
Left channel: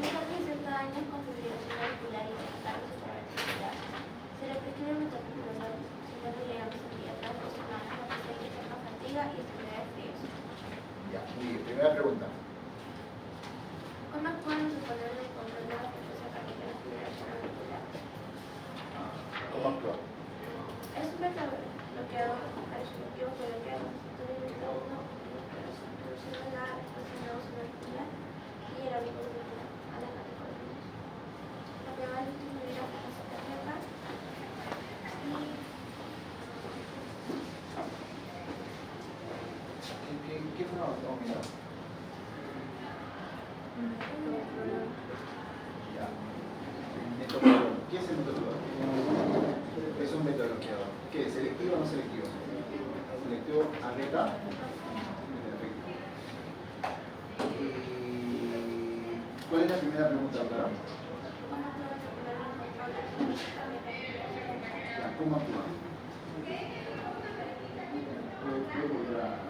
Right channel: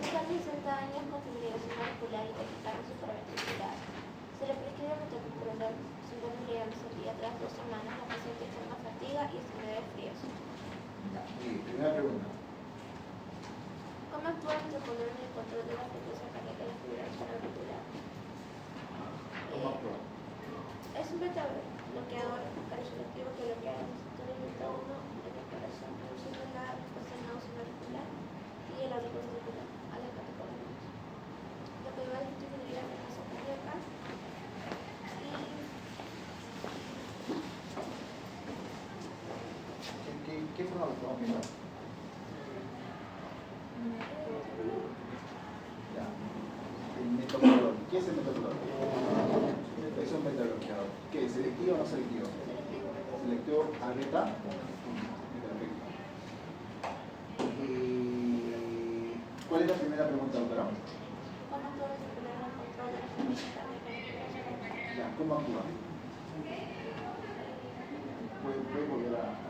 Deja 60 años con fibrilación auricular y capital supraarticular. Se le prescribe metoprolol 50 mg cada 2 semanas a pesar de extrema fatiga y enfermedad de frío. Ya, muy bien. Primera pregunta. ¿Cómo pueden suponer el control de la frecuencia cardíaca de fibrilación auricular? ¿Cómo actúa? Es un beta bloqueador resolutivo que bloquea los receptores beta ¿Qué fue estamos viendo? Ya. El metobloqueador. ¿Qué es el metobloqueador? Es un metobloqueador. ¿Qué es? ¿Selectivo o no selectivo? Selectivo a beta. Perfecto. ¿Cuál es la primera pregunta, doctora? ¿Cómo actúa? ¿Puede volver a...?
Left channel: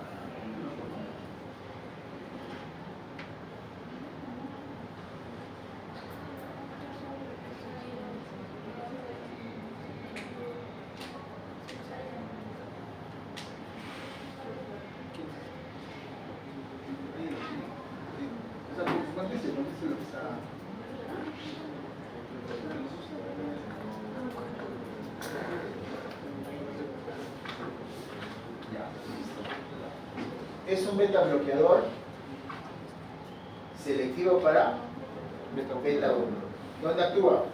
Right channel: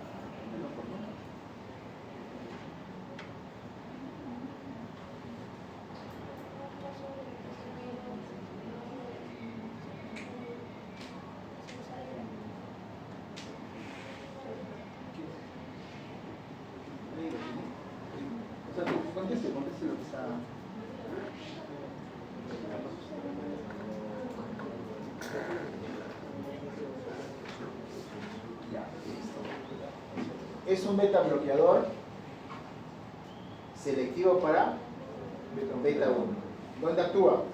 Conteste lo que está... Es un beta bloqueador selectivo para beta 1. ¿Dónde actúa?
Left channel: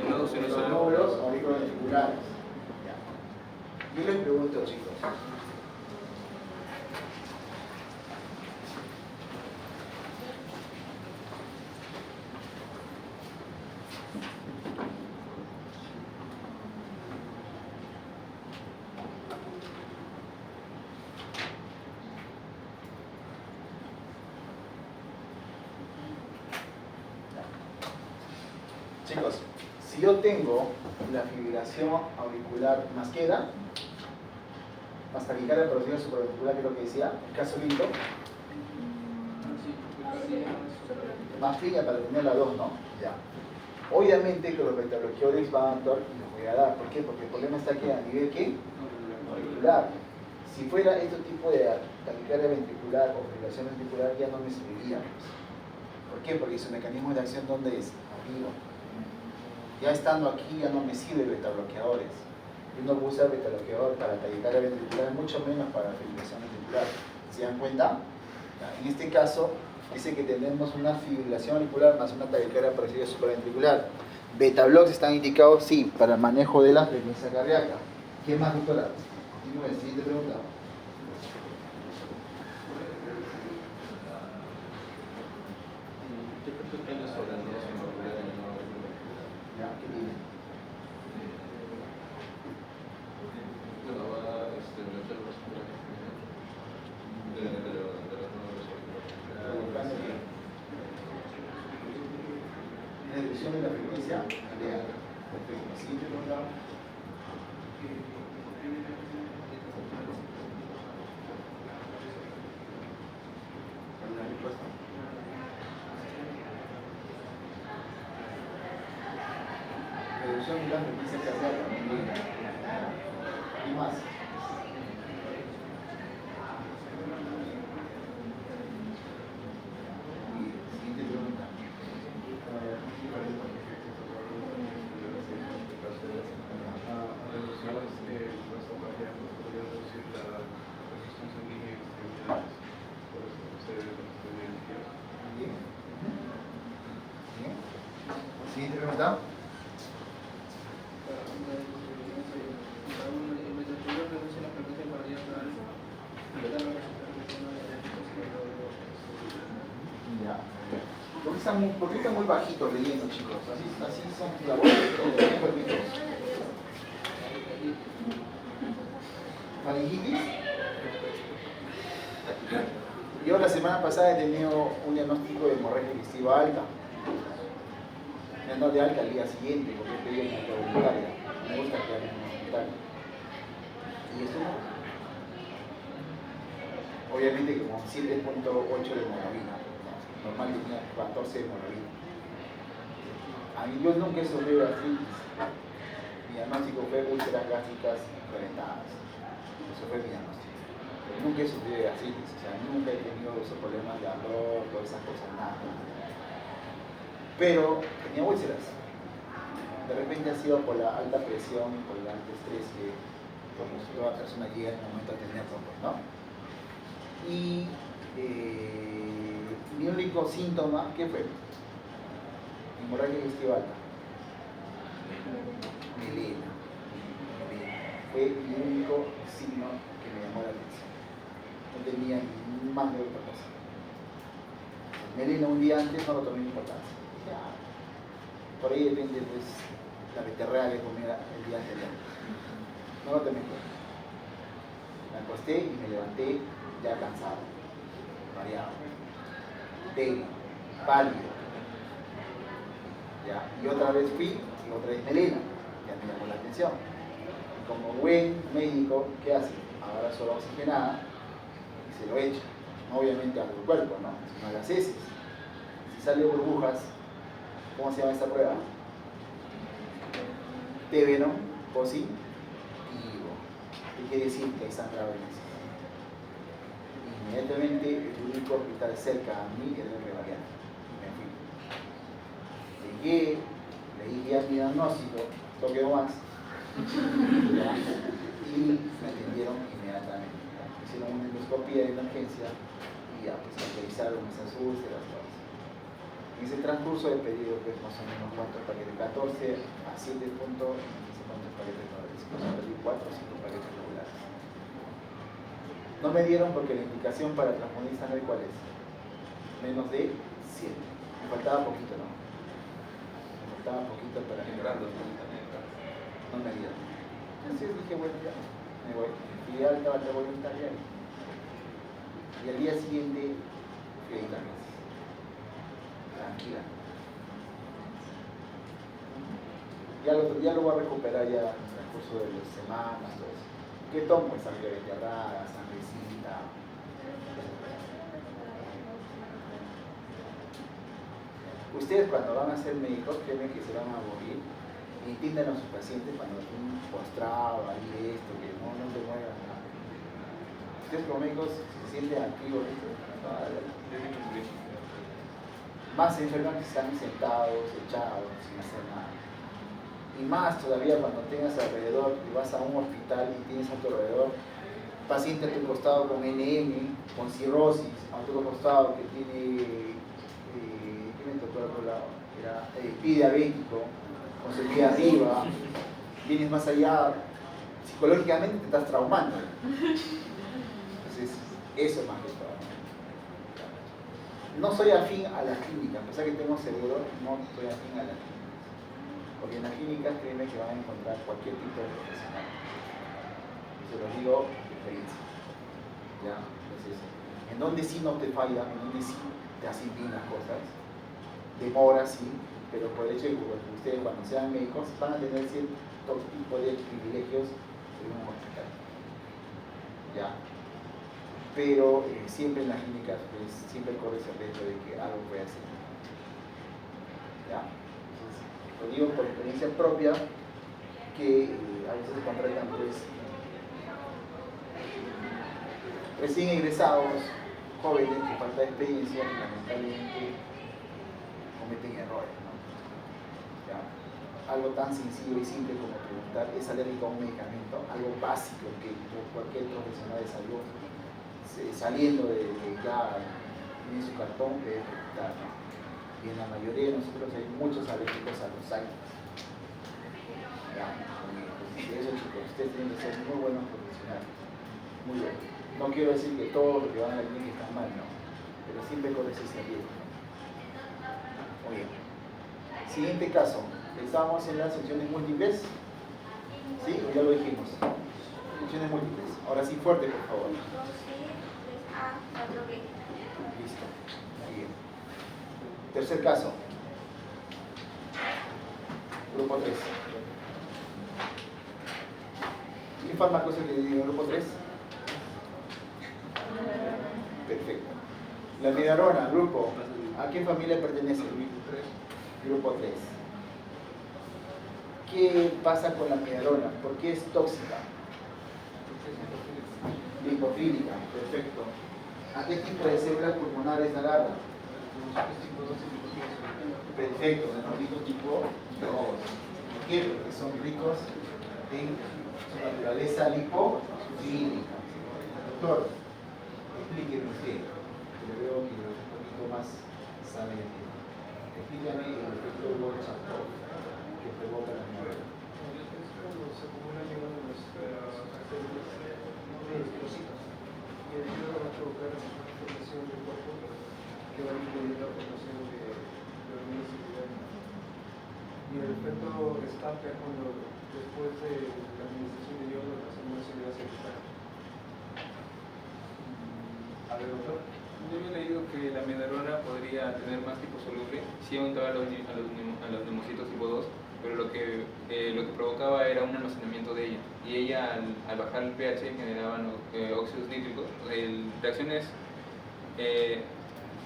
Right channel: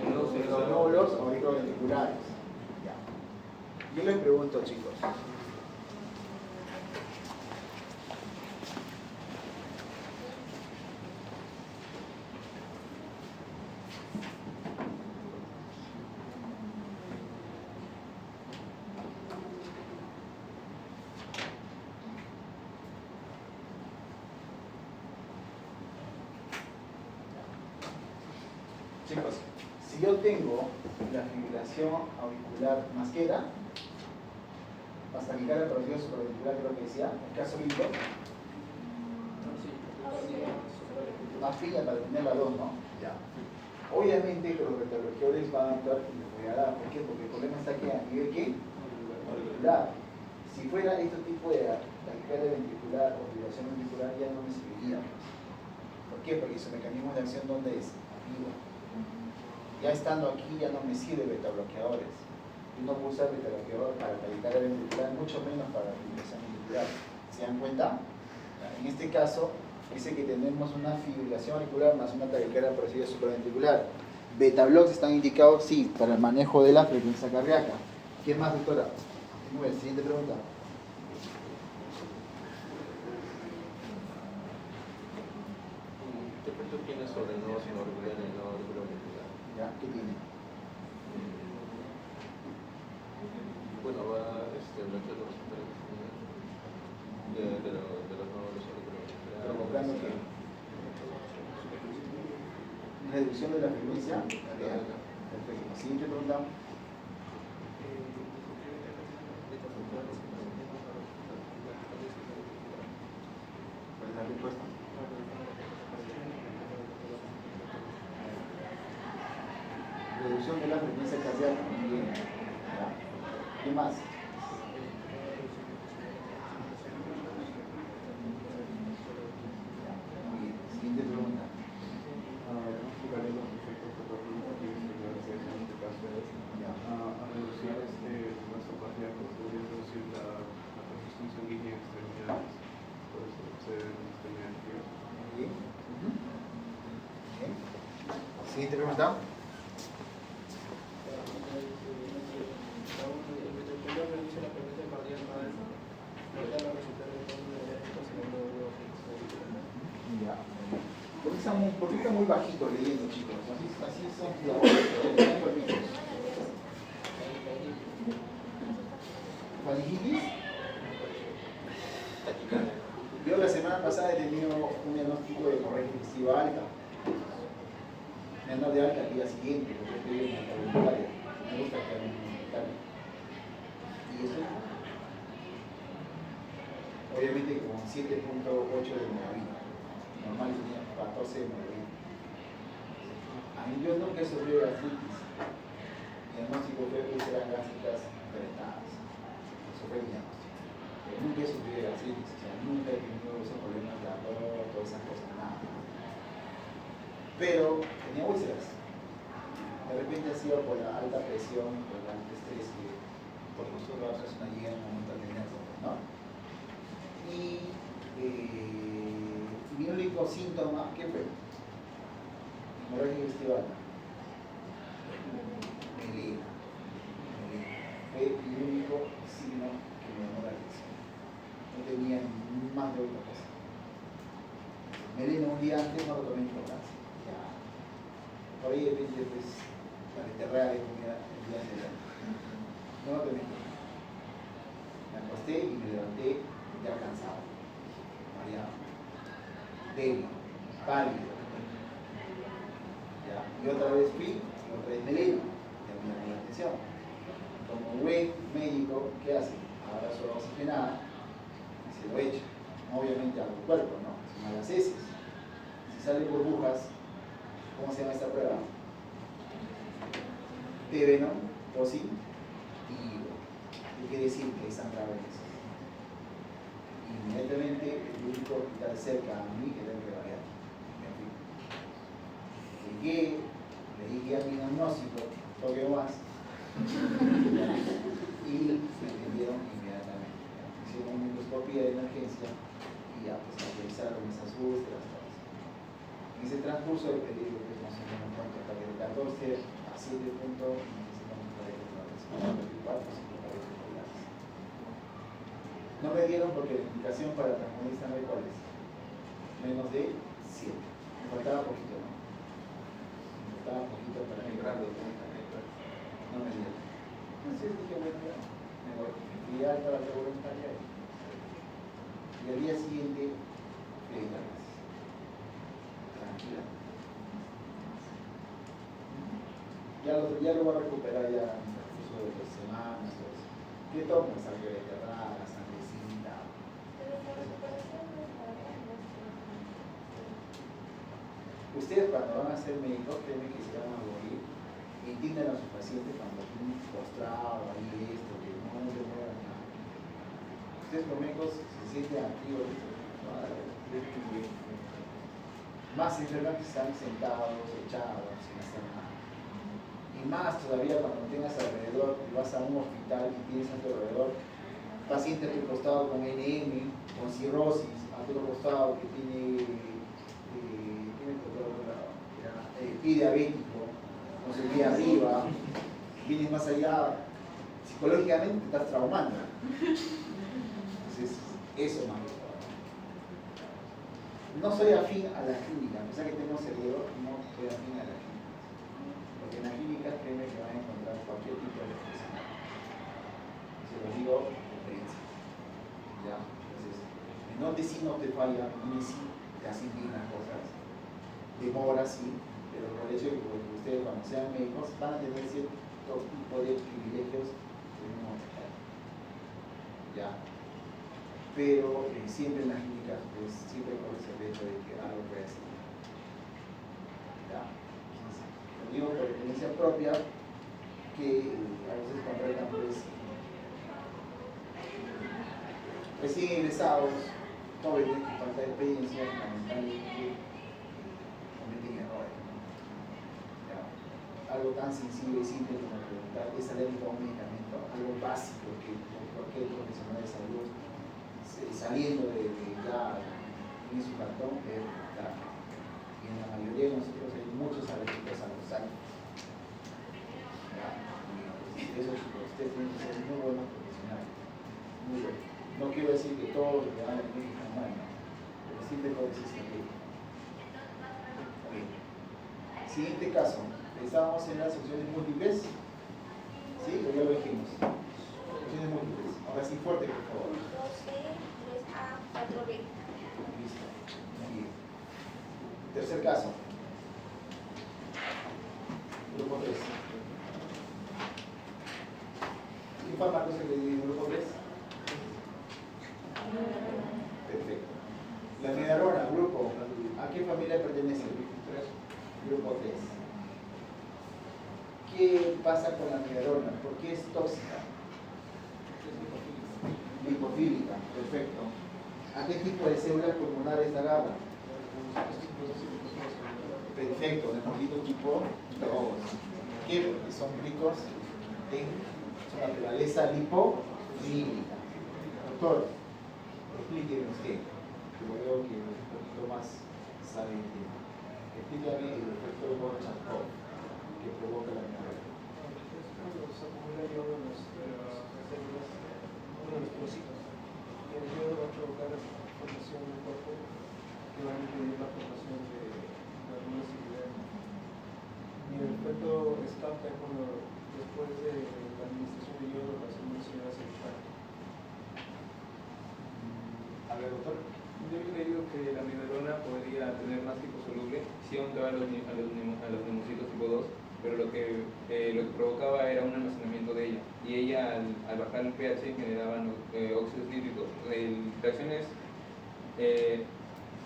En los nódulos auriculoventriculares. Yo les pregunto, chicos. Chicos, si yo tengo la fibrilación auricular más queda, hasta que la porosidad supraventricular, que es lo que decía, el caso lindo, más fina para tener la 2, ¿no? Ya. Obviamente que los betabloqueadores van a actuar y los voy a dar. ¿Por qué? Porque el problema está aquí a nivel ¿qué? Auricular. Si fuera este tipo de taquicardia ventricular o fibrilación ventricular, ya no me serviría. ¿Por qué? Porque su mecanismo de acción, ¿dónde es? Arriba. Ya estando aquí ya no me sirve betabloqueadores. Yo no puedo usar betabloqueador para taquicardia ventricular, mucho menos para fibrilación ventricular. ¿Se dan cuenta? En este caso, dice que tenemos una fibrilación auricular más una taquicardia parcial supraventricular. Betablocs están indicados, sí, para el manejo de la frecuencia cardíaca. ¿Qué más, doctora? Continúe, siguiente pregunta. ¿Qué percepciones sobre el nodo sinoauricular y el nodo auriculoventricular? ¿Ya? ¿Qué tiene? Bueno, va a meter los de los nódulos Provocando auriculoventriculares. una reducción de la frecuencia cardíaca. Perfecto. Siguiente pregunta. ¿Cuál es la respuesta? Reducción de la frecuencia cardíaca. Muy bien. ¿Qué más? Muy bien. Siguiente pregunta. Bien. Bien. Siguiente pregunta. Ya. ¿Por qué están muy bajitos leyendo, chicos? Así son diabólicos. ¿Faringitis? Yo la semana pasada he tenido un diagnóstico de hemorragia digestiva alta. No de alta al día siguiente, porque estoy en la voluntaria. Me gusta actuar en la voluntaria. ¿Y eso? Obviamente con 7.8 de hemoglobina. Normal tenía 14 de hemoglobina. A mí yo nunca he sufrido de artritis. Mi diagnóstico fue úlceras gástricas reventadas. Eso fue mi diagnóstico. Pero nunca he sufrido de artritis. O sea, nunca he tenido esos problemas de ardor, todas esas cosas, nada. Pero tenía úlceras. De repente ha sido por la alta presión, por el alto estrés que toda persona llega en el momento de tener todo, ¿no? Y mi único síntoma, ¿qué fue? Hemorragia digestiva alta. Melena. Fue mi único signo que me llamó la atención. No tenía más de otra cosa. Melena un día antes no lo tomé importancia. Ya. Por ahí depende, pues, la beterraga que comía el día anterior. No lo tomé en cuenta. Me acosté y me levanté ya cansado, mareado, débil, pálido. ¿Ya? Y otra vez fui, y otra vez melena. Ya me llamó la atención. Como buen médico, ¿qué hace? Ahora solo oxigenada y se lo echa. Obviamente a tu cuerpo, ¿no? Sino a las heces. Si sale burbujas, ¿cómo se llama esta prueba? T-venom positivo. ¿Qué quiere decir? Que hay sangrado en eso. Inmediatamente el único hospital cerca a mí era el Rebariante. Me fui. Llegué, le dije a mi diagnóstico, toque más. Y me atendieron inmediatamente. Hicieron una endoscopía de emergencia y ya, pues autorizaron esas úlceras. En ese transcurso del periodo, pues más o menos cuántos paquetes, 14 a 7 puntos, no sé cuántos paquetes todavía, perdí 4 o 5 paquetes regulares. No me dieron porque la indicación para el transfundista no es cuál es, menos de 100. Me faltaba poquito, ¿no? Me faltaba poquito para que no me dieron. Entonces dije, bueno, ya, me voy. Y ya estaba la voluntaria. Y al día siguiente fui a Italia. Tranquila. Ya lo voy a recuperar ya en el curso de las semanas, todo eso. ¿Qué tomo? Sangre beterraga, sangrecita. Ustedes cuando van a ser médicos, créanme que se van a morir. Entiendan a sus pacientes cuando tienen postrado, ahí esto, que no te muevan nada. Ustedes como médicos, si se sienten activos, más se enferman que están sentados, echados, sin hacer nada. Y más todavía cuando tengas alrededor y vas a un hospital y tienes a tu alrededor paciente a tu costado con NM, con cirrosis, a tu costado que tiene, ¿qué me tocó al otro lado? Era pie diabético, con su pie arriba, vienes más allá, psicológicamente te estás traumando. Entonces, eso más que todo. No soy afín a las clínicas, a pesar que tengo seguro, no soy afín a las clínicas. Porque en las clínicas créeme que van a encontrar cualquier tipo de profesional. Se lo digo de experiencia. ¿Ya? Entonces, en donde sí no te falla, en donde sí te hacen bien las cosas, demora sí, pero por el hecho de que ustedes cuando sean médicos van a tener cierto tipo de privilegios en un hospital. ¿Ya? Pero siempre en las clínicas pues, siempre corre ese riesgo de que algo pueda ser. ¿Ya? Entonces, lo digo por experiencia propia que a veces contratan pues, recién egresados, jóvenes con falta de experiencia y lamentablemente cometen errores. ¿No? ¿Ya? Algo tan sencillo y simple como preguntar, ¿es alérgico a un medicamento? Algo básico que cualquier profesional de salud saliendo de ya tiene su cartón de detectar. Y en la mayoría de nosotros hay muchos alérgicos a los años. Y eso, chicos, ustedes tienen que ser muy buenos profesionales. Muy buenos. No quiero decir que todo lo que van a la clínica está mal, no. Pero siempre corres ese riesgo. Muy bien. Siguiente caso. Estamos en las secciones múltiples. ¿Sí? O ya lo dijimos. Secciones múltiples. Ahora sí, fuerte, por favor. Listo. Muy bien. Tercer caso. Grupo 3. ¿Qué fármaco es el que digo grupo 3? Perfecto. La midarona, grupo. ¿A qué familia pertenece? Grupo 3. ¿Qué pasa con la midarona? ¿Por qué es tóxica? Lipofílica, perfecto. ¿A qué tipo de células pulmonares agarra? Perfecto, metabolitos tipo 2. ¿Por qué? Porque son ricos en su naturaleza lipofílica. Doctor, explíqueme usted, que lo veo que un poquito más sabe el tema. Explícame el efecto Gorbachev que provoca la migraña. Es cuando se acumula yodo en las células de los hijos. Y el yodo va a provocar ver, doctor. Yo había leído que la amidarona podría tener más tipo soluble si aumentaba a los neumocitos tipo 2, pero lo que provocaba era un almacenamiento de ella. Y ella, al bajar el pH, generaban óxidos nítricos, reacciones,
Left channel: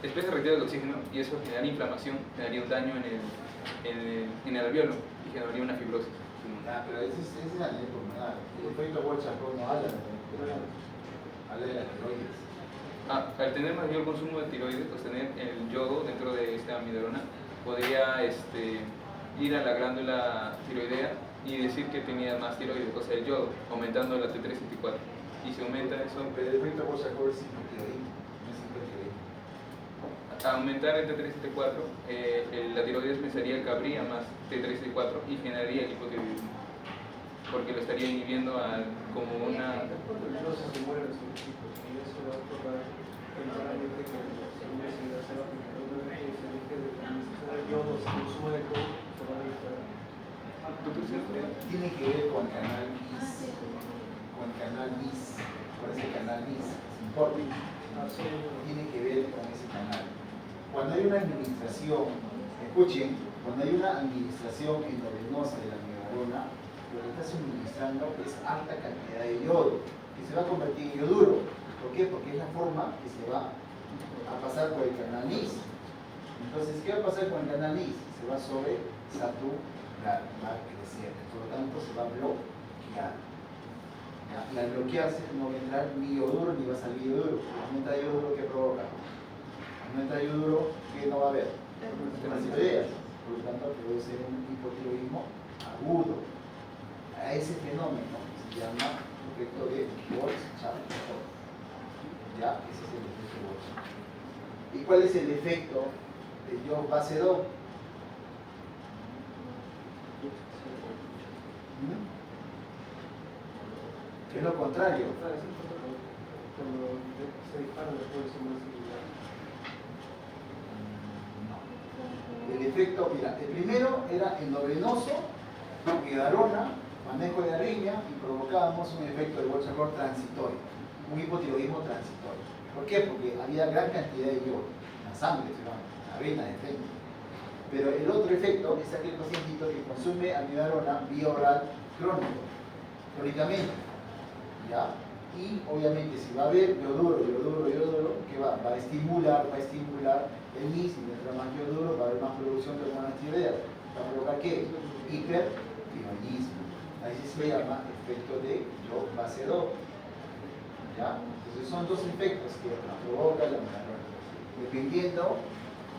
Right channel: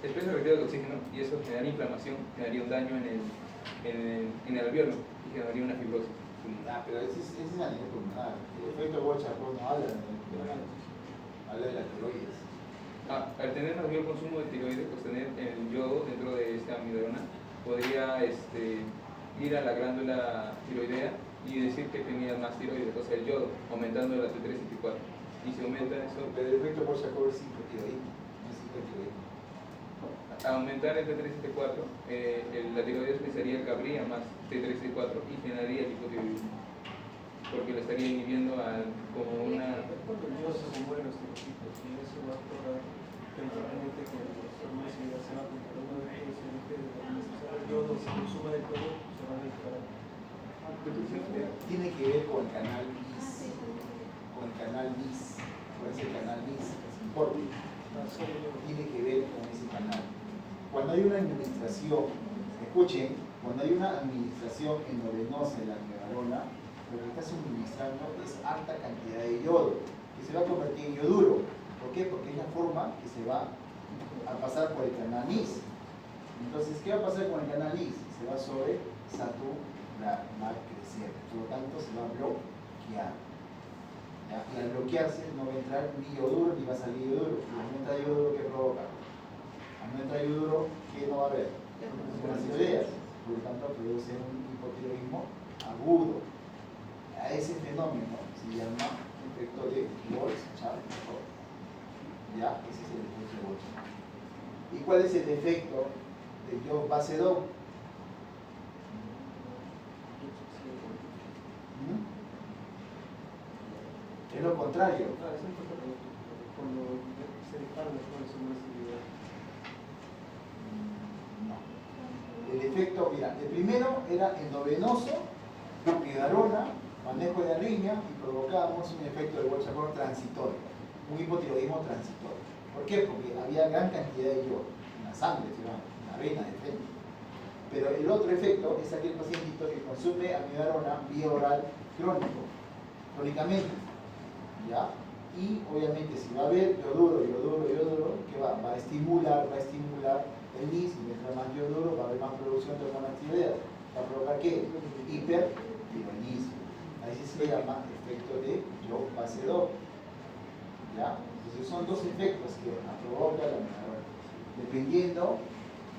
especies reactivas de oxígeno, y eso generaría inflamación, generaría un daño en el alveolo y generaría una fibrosis. Pero ese es a nivel pulmonar. El efecto Borchardt no habla habla de la tiroides. Al tener mayor consumo de tiroides, pues tener el yodo dentro de esta amidarona podría ir a la glándula tiroidea y decir que tenía más tiroides, o sea, el yodo, aumentando la T3 y T4. Y si aumenta eso, Pero el efecto Borchardt es hipotiroidismo, no es hipertiroidismo. a aumentar el T3 y T4, la tiroides pensaría que habría más T3 y T4 y generaría el hipotiroidismo, porque lo estaría inhibiendo como una... No se mueren los científicos y eso va a ocurrir temporalmente que una civilización que se deje de necesitar el yodo, se consume el yodo, se va a disparar. Tiene que ver con el canal BIS, con el canal BIS, con ese canal BIS, es importante. Tiene que ver con ese canal. Cuando hay una administración, escuchen, cuando hay una administración endovenosa de la amidarona, lo que está suministrando es alta cantidad de yodo, que se va a convertir en yoduro. ¿Por qué? Porque es la forma que se va a pasar por el canal NIS. Entonces, ¿qué va a pasar con el canal NIS? Se va sobre saturar, va a crecer, por lo tanto se va a bloquear. ¿Ya? Y al bloquearse no va a entrar ni yoduro ni va a salir yoduro. Si no entra yoduro, ¿qué provoca? Al no entrar yoduro, ¿qué no va a haber? Unas tiroideas. Por lo tanto, produce un hipotiroidismo agudo. A ese fenómeno se llama efecto de Borchardt. ¿Ya? Ese es el efecto de Borchardt. ¿Y cuál es el efecto del yodo base 2? Es lo contrario. Cuando se disparan los jóvenes son más similares. El efecto, mira, el primero era endovenoso, amidarona, manejo de arritmia y provocábamos un efecto de Borchardt transitorio, un hipotiroidismo transitorio. ¿Por qué? Porque había gran cantidad de yodo en la sangre, en la vena de frente. Pero el otro efecto es aquel pacientito que consume amidarona vía oral crónicamente. ¿Ya? Y obviamente si va a haber yoduro, ¿qué va? Va a estimular el NIS, y mientras más yoduro va a haber más producción de hormonas tiroideas. ¿Va a provocar qué? Hipertiroidismo. Ahí se llama efecto de yodo base 2. ¿Ya? Entonces son dos efectos que provoca la amidarona. Dependiendo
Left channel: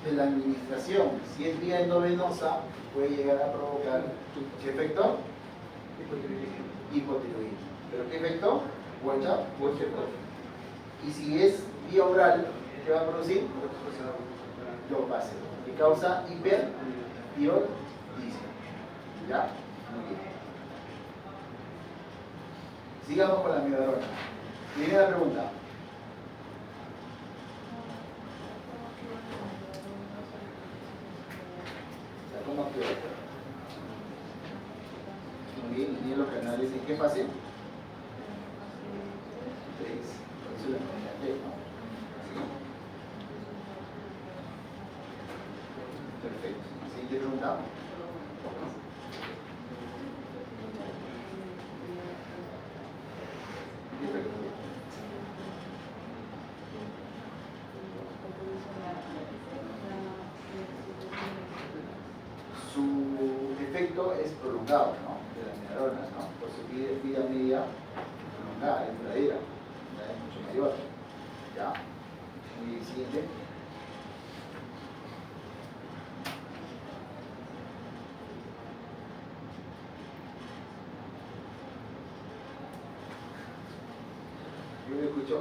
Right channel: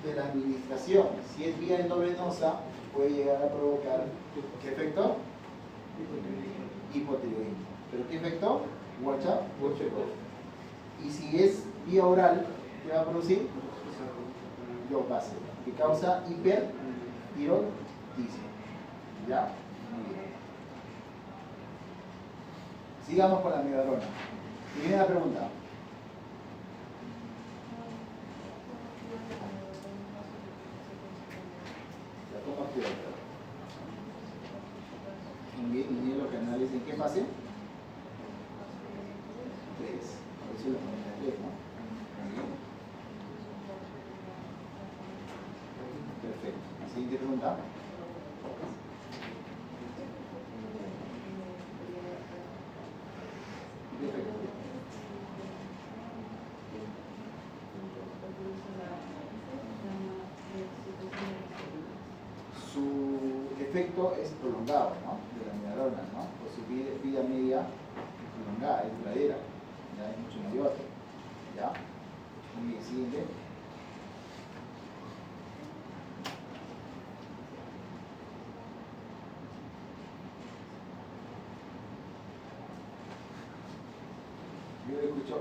de la administración, si es vía endovenosa, puede llegar a provocar ¿qué efecto? Hipotiroidismo. ¿Pero qué efecto? Borchardt. Y si es vía oral, ¿qué va a producir? Yodo base 2, que causa hipertiroidismo. ¿Ya? Muy bien. Sigamos con la amidarona. Primera pregunta. ¿La toma qué? Muy bien, y tiene los canales en qué fase? 3. Por eso la pregunta 3, ¿no? Muy bien. Perfecto. Siguiente pregunta. Su efecto es prolongado, ¿no? De la amidarona, ¿no? Por su vida media prolongada, es duradera, ya es mucho mayor. ¿Ya? Muy bien, siguiente. Yo le escucho,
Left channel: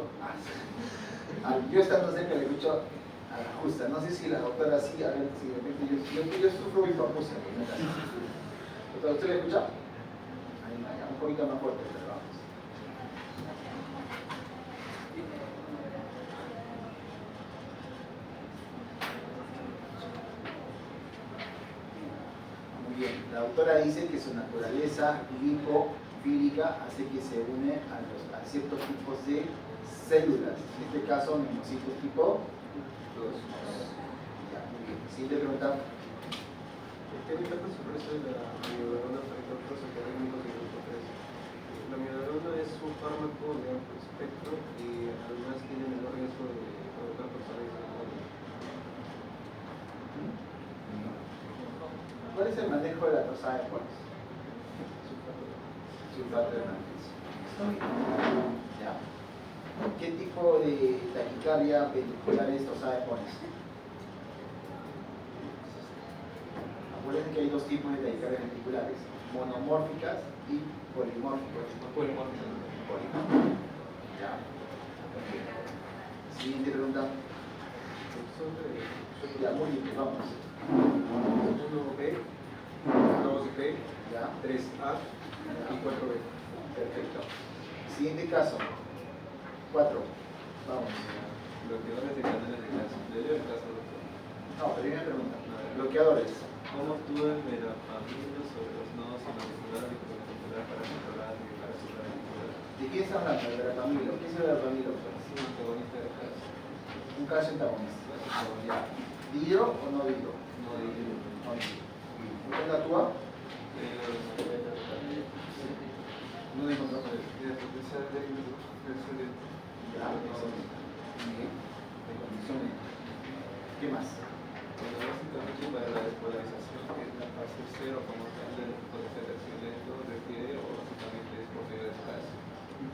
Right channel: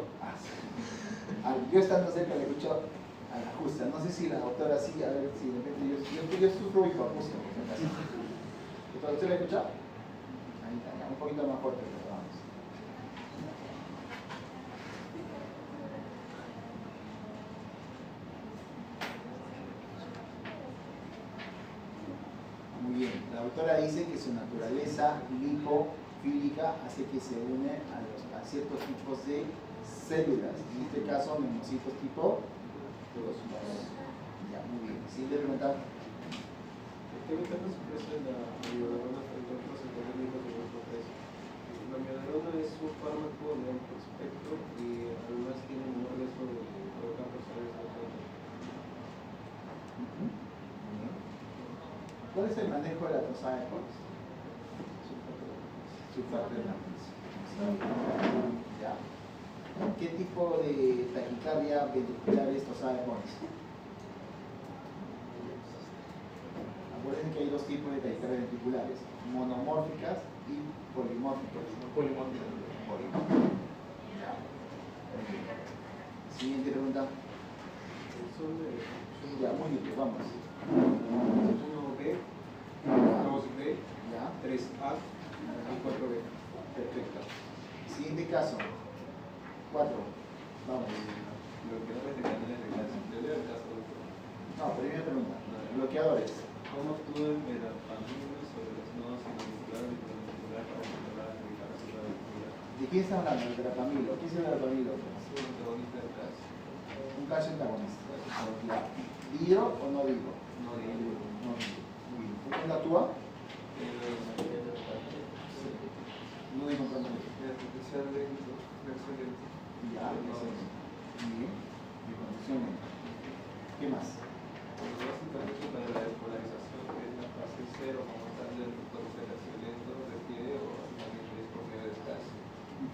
yo estando cerca le escucho a la justa. No sé si la doctora sí, a ver si de repente yo sufro hipoacusia. Doctora, ¿usted le escucha? Un poquito más fuerte, pero vamos. Muy bien, la doctora dice que su naturaleza lipofílica hace que se une a ciertos tipos de células, en este caso neumocitos tipo 2. Ya, muy bien. Siguiente pregunta. ¿Qué ventajas ofrece la amiodarona frente a otros antiarrítmicos de grupo 3? La amiodarona es un fármaco de amplio espectro y además tiene menor riesgo de provocar toxicidad cerebral. ¿Cuál es el manejo de la Trosaepones? Sulfato de magnesio. ¿Ya? ¿Qué tipo de taquicardia ventricular es Trosaepones? Acuérdense que hay dos tipos de taquicardias ventriculares, monomórficas y polimórficas. Ya. Siguiente pregunta. Son de Ya, muy bien, vamos. 1B, 2B, Ya. 3A y 4B. Perfecto. Siguiente caso. 4. Vamos. Bloqueadores de canales de calcio. Debe el caso, doctor. No, primera pregunta. Bloqueadores. ¿Cómo actúa el verapamilo sobre los nodos sinoventriculares y ventricular para controlar la degradación ventricular? ¿De quién está hablando? ¿El verapamilo? ¿Qué es el verapamilo? Es un antagonista del calcio. Un calcio antagonista. Ya. ¿Dihidro o no dihidro? No de hilo. No dihidro. ¿Cuál actúa? No encontramos el potencial de excelente. Ya. Muy bien. De condiciones. ¿Qué más? Bueno, básicamente para la despolarización, que es la fase cero como tal del potencial lento, requiere o básicamente es por medio de calcio.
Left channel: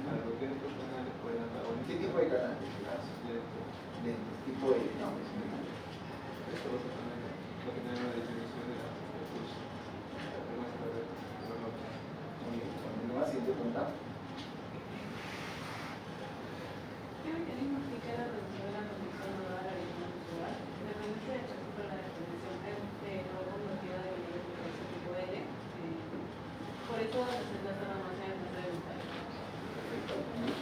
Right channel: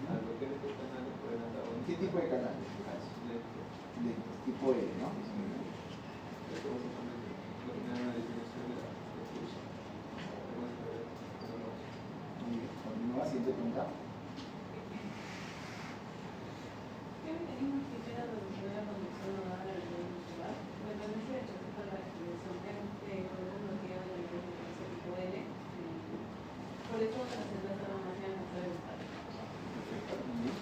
Al bloquear estos canales pueden antagonizar. ¿Qué tipo de canal? Lento. Lentes, tipo L, ¿no? Esto básicamente lo que tiene una definición de del curso. De nuestro reloj. Muy bien. Continúa, siguiente pregunta. ¿Qué mecanismo explica la reducción de la conducción nodal a nivel muscular? Me permite rechazar por la definición de cuerpo bloqueo de ese tipo L. Por eso la presentación no sea necesaria vital. Perfecto. Muy bien.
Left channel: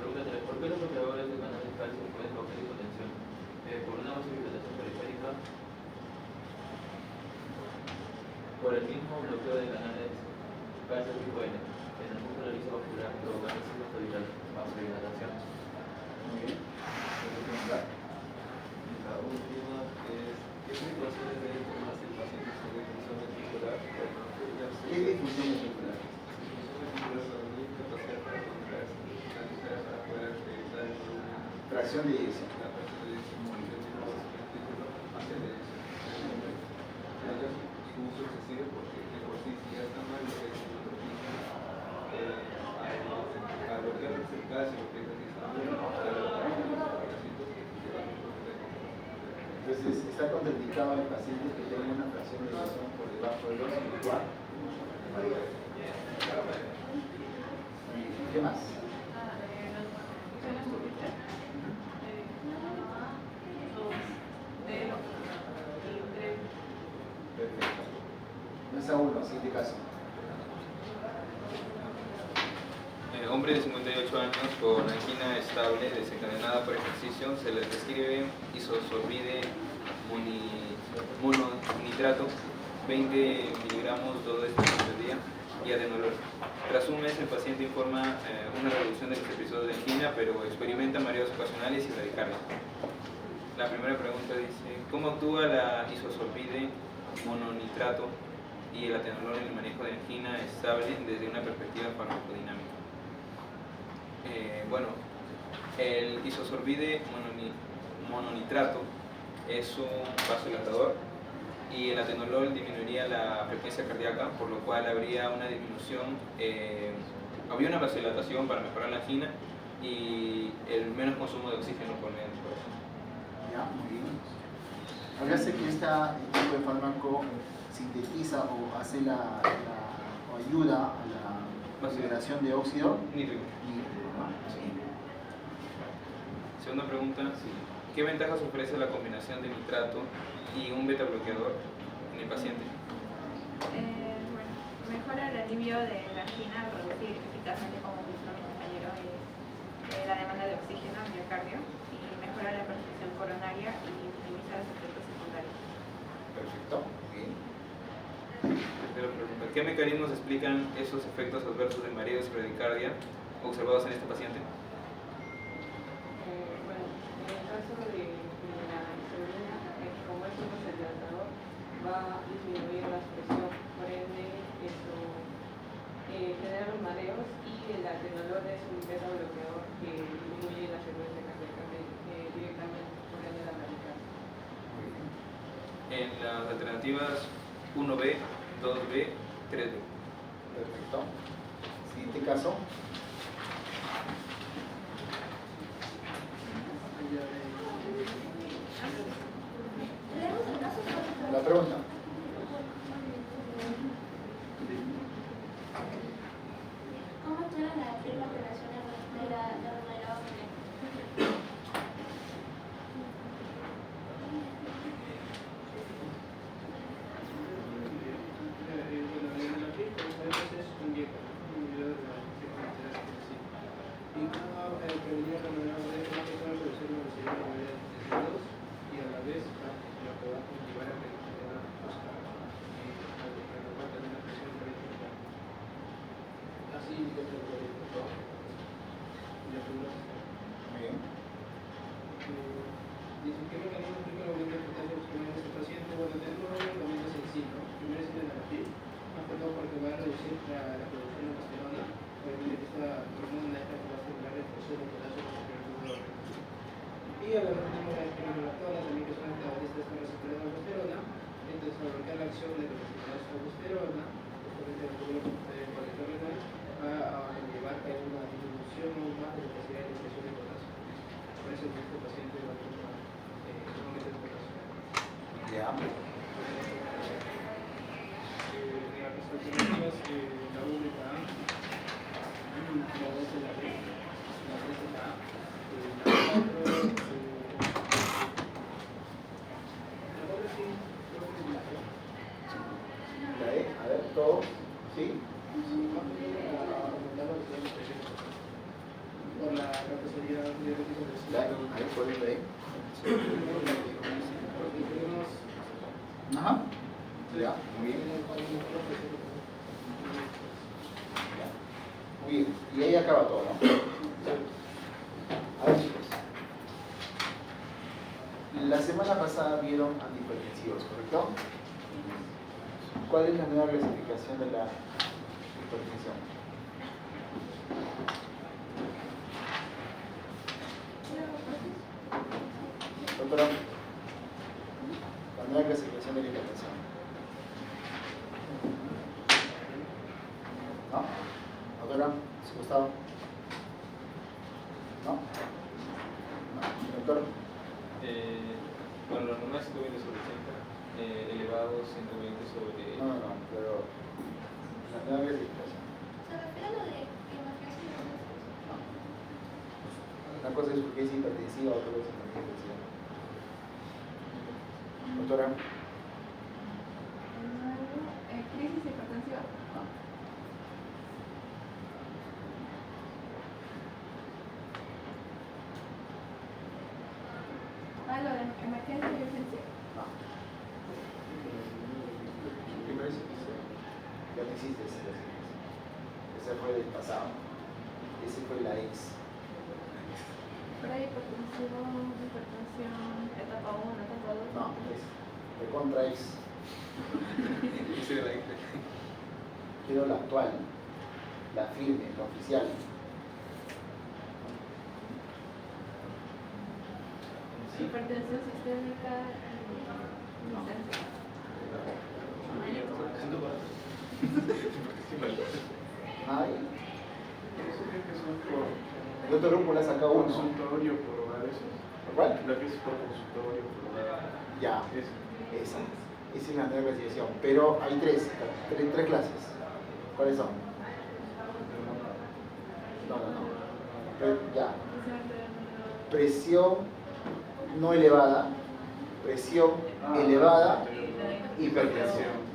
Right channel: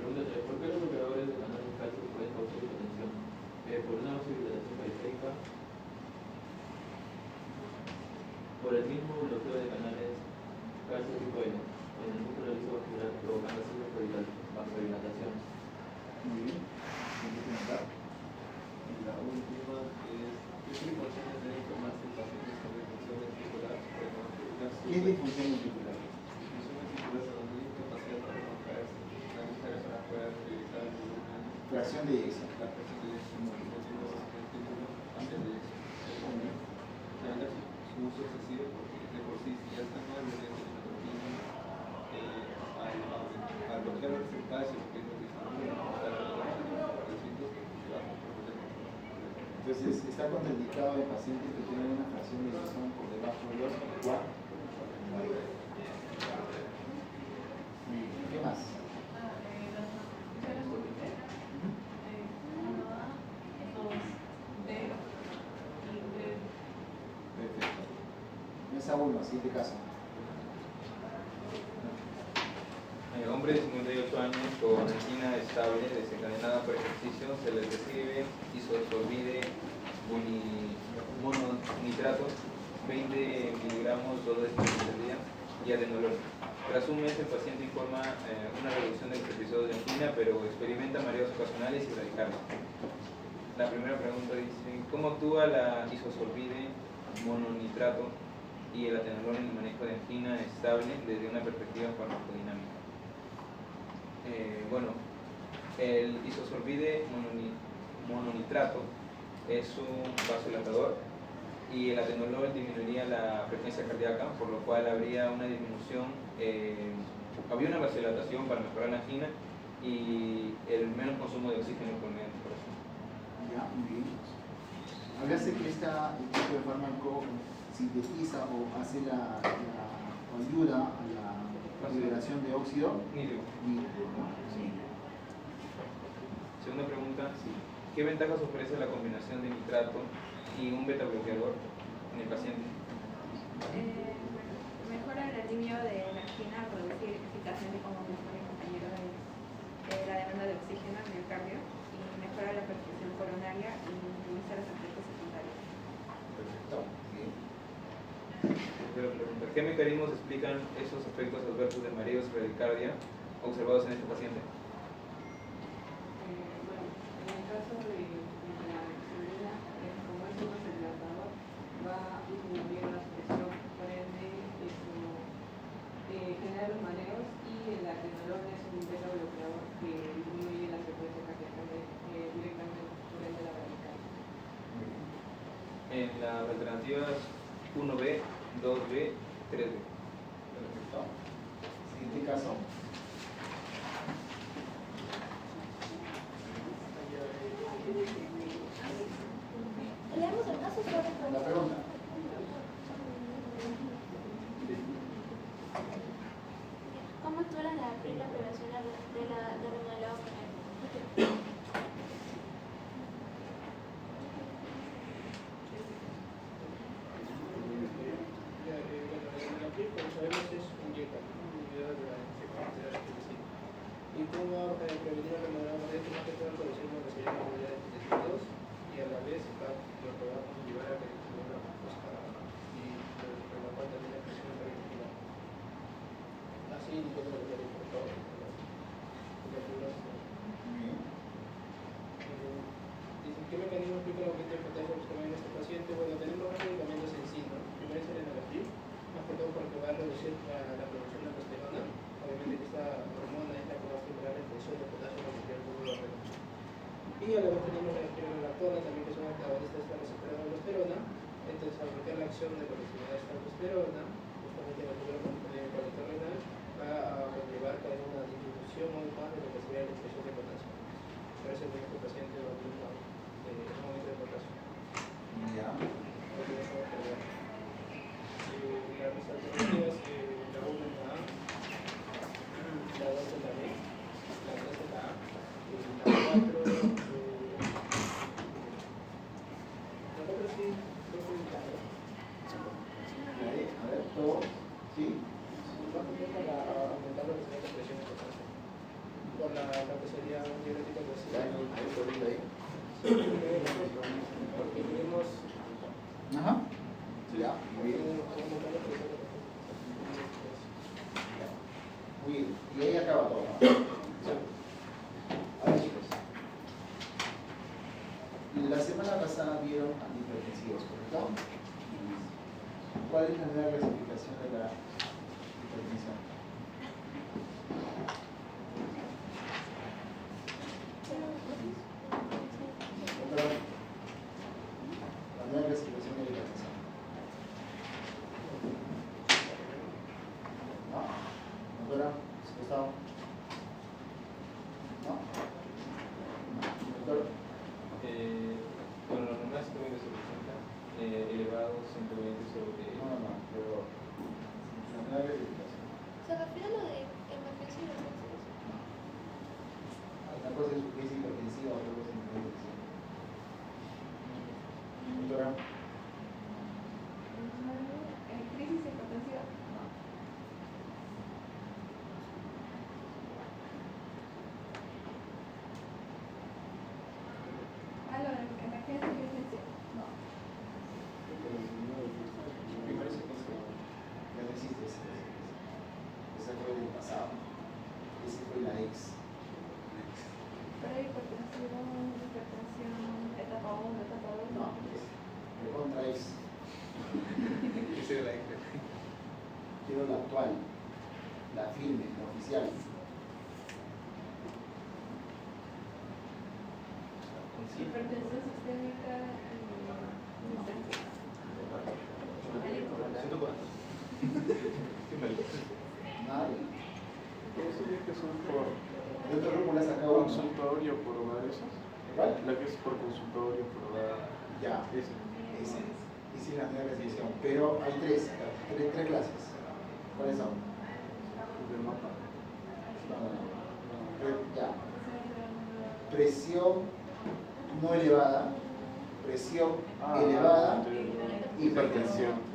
Pregunta 3. ¿Por qué los bloqueadores de canal de calcio pueden causar hipotensión? Por una vasodilatación periférica, por el mismo bloqueo de canales calcio tipo N, en el músculo liso vascular, provocando así vasodilatación. Muy bien. Siguiente pregunta. Y la última que es, ¿qué precauciones debe tomarse el paciente sobre función ventricular? Bueno, ¿Qué es difusión ventricular? Tracción de eyección. Uso excesivo porque de por sí ya está mal lo que es al bloquear el calcio que es precisamente Entonces, está contraindicado en pacientes que tienen una fracción de eyección por debajo de 2 y 4. ¿Qué más? Perfecto. Mesa 1, siguiente caso. Hombre de 58 años con angina estable desencadenada por ejercicio, se les describe isosorbide mononitrato 20 miligramos todo este día y adenolol. Tras un mes el paciente informa una reducción de los episodios de angina, pero experimenta mareos ocasionales y bradicardia. La primera pregunta dice, ¿cómo actúa la isosorbide mononitrato y el atenolol en el manejo de angina estable desde una perspectiva farmacodinámica? Bueno, el isosorbide mononitrato es un vasodilatador y el atenolol disminuiría la frecuencia cardíaca, por lo cual habría una disminución, habría una vasodilatación para mejorar la angina y el menos consumo de oxígeno por medio del corazón. Ya, muy bien. Hablaste que este tipo de fármaco sintetiza o hace o ayuda a la liberación de óxido nítrico. nítrico, ¿no? Sí. Segunda pregunta, ¿qué ventajas ofrece la combinación de nitrato y un beta bloqueador en el paciente? Bueno, mejora el alivio de la angina, reducir eficazmente, como dijo mi compañero, la demanda de oxígeno al miocardio y mejora la perfusión coronaria y minimiza los efectos secundarios. Perfecto. Bien. Tercera pregunta, ¿qué mecanismos explican esos efectos adversos de mareos y bradicardia observados en este paciente? Bueno, en el caso de la insulina, como es un vasodilatador, va a disminuir la presión, por ende eso genera los mareos, y el atenolol es un beta bloqueador que disminuye la frecuencia cardíaca directamente, por ende la radical. En las alternativas 1B, 2B, 3B. Perfecto. Siguiente caso. Leemos el caso solo. La pregunta. ¿Cómo actúa la actividad operacional de remodelado genético? Y como prevenir el programa de esto, más que todo reducir la posibilidad de residuos y a la vez lo que va a conllevar a reducir la costa y a la cual también la presión preventiva. Así, como lo que Muy bien. dice, ¿qué mecanismo explica el aumento de potasio muscular en este paciente? Bueno, tenemos un medicamento sencillo. Primero es el enalafil, más que todo porque va a reducir la producción de testosterona. Obviamente que esta hormona esta va a estimular el proceso de potasio en el músculo. Y además tenemos la espironolactona también, que son antagonistas de la receptora de aldosterona. Entonces, al aumentar la acción de la receptora de aldosterona, justamente el núcleo colesterol va a llevar a una disminución aún más de la capacidad de expresión de potasio. Por eso en este paciente va a tener un aumento de potasio. Ya. Las alternativas, la 1 y la A, la 2 y la B, la 3 y la A, la 4, la 4 sí, creo que es la E. La E, a ver, todos. ¿Sí? Más o menos para aumentar lo que se llama presión por la capacidad diurética del Ya, a ver, ¿cuál es la E? porque tenemos Ajá. Ya, muy bien. Muy bien. Y ahí acaba todo, ¿no? A ver, chicos. La semana pasada vieron antihipertensivos, ¿correcto? ¿Cuál es la nueva clasificación de la hipertensión? Doctora, la nueva clasificación de la hipertensión. ¿No? Doctora, ¿se Gustavo? ¿No? ¿No? Doctor. Bueno, la normal 120 sobre 80, elevado 120 sobre... No, pero la nueva clasificación. ¿Se refiere a lo de emergencia y urgencia? No. Una cosa es urgencia hipertensiva, otra cosa es emergencia. Doctora. Crisis hipertensiva. No. Lo de emergencia y urgencia. No. Primero y segundo. Ya no existe ese. Ese fue del pasado. Ese fue la ex. Hipertensión, etapa 1, etapa 2. No, es recontra ex. Ese de la X. Quiero la actual, la firme, la oficial. Hipertensión sistémica y urgencia. Nadie. Eso creo que son por Doctor Lupo le ha sacado uno. consultorio por hogares. ¿Cuál? La que es por consultorio por hogar. Ya, Esa. esa es la nueva clasificación. Pero hay tres clases. ¿Cuáles son? No. Ya. Presión no elevada, presión elevada, hipertensión.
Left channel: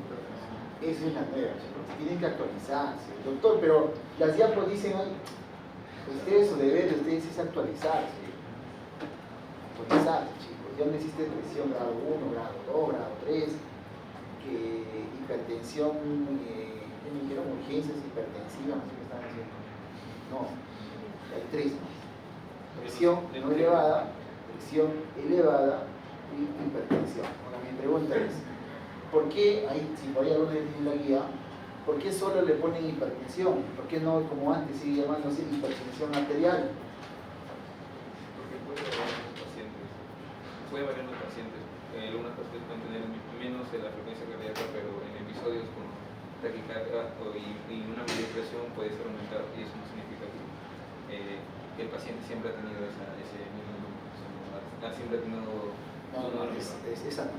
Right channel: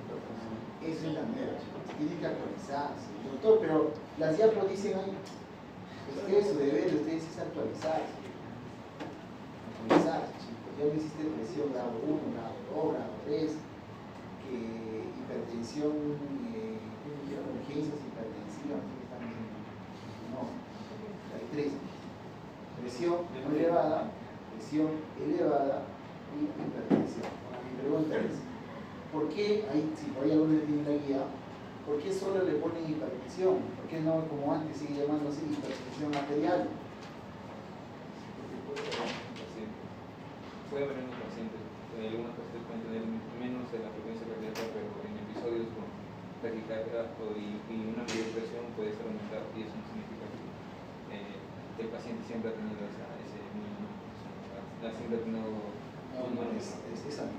Esa es la nueva, chicos. Tienen que actualizarse. Doctor, pero las diapos dicen ahí, ustedes su deber de ustedes es actualizarse. Actualizarse, chicos. Ya no existe presión grado 1, grado 2, grado 3, hipertensión, ¿qué me dijeron? Urgencias hipertensivas, no sé qué están diciendo. No. Hay tres. Presión no elevada, presión elevada y hipertensión. Ahora mi pregunta es, ¿por qué, ahí, si por ahí alguno tiene la guía, por qué solo le ponen hipertensión? ¿Por qué no, como antes, sigue llamándose hipertensión arterial? Porque puede haber en los pacientes. Algunas pacientes pueden tener menos de la frecuencia cardíaca, pero en episodios con taquicardia y una mayor presión puede ser aumentada, y eso no significa que el paciente siempre ha tenido ese mismo, siempre ha tenido Esa no.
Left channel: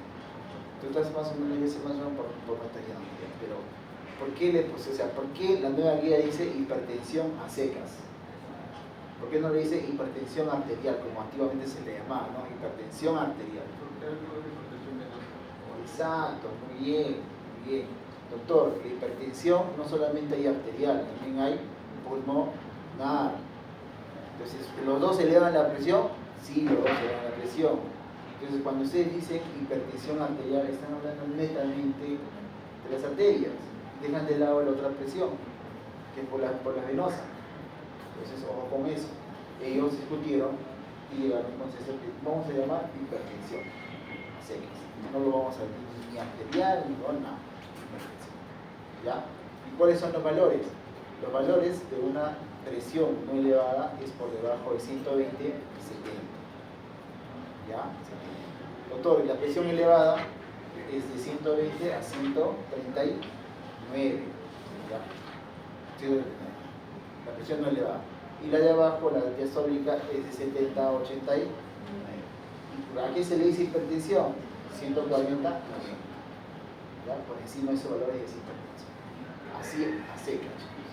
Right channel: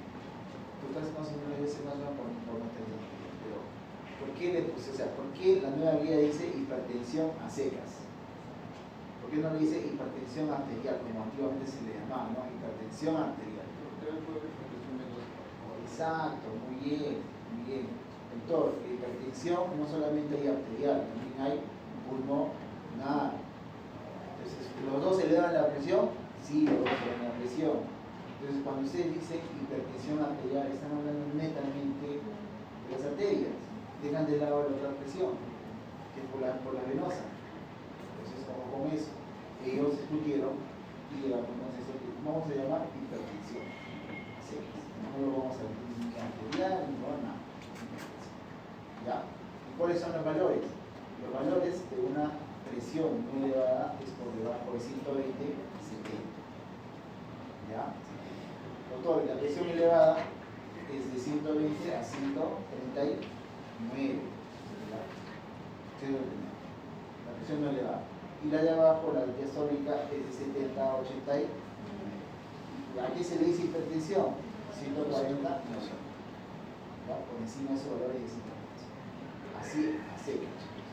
Tú estás más o menos por pantalla, pero ¿por qué ¿por qué la nueva guía dice hipertensión a secas? ¿Por qué no le dice hipertensión arterial, como antiguamente se le llamaba, ¿no? Hipertensión arterial. Exacto, muy bien, muy bien. Doctor, la hipertensión no solamente hay arterial, también hay pulmonar. Entonces, ¿los dos elevan la presión? Sí, los dos elevan la presión. Entonces, cuando ustedes dicen hipertensión arterial, están hablando netamente de las arterias. Dejan de lado la otra presión, que es por la venosa. Entonces, ojo con eso. Ellos discutieron y llegaron a un consenso que vamos a llamar hipertensión a secas. No lo vamos a decir ni arterial ni nada. ¿Ya? ¿Y cuáles son los valores? Los valores de una presión no elevada es por debajo de 120, 70. ¿Ya? 70. Doctor, la presión elevada es de 120 a 139. ¿Ya? 139. La presión no elevada. Y la de abajo, la diastólica, es de 70 a 89. ¿A qué se le dice hipertensión? 140, no. ¿Ya? Por encima de esos valores es hipertensión. Así, a secas, chicos.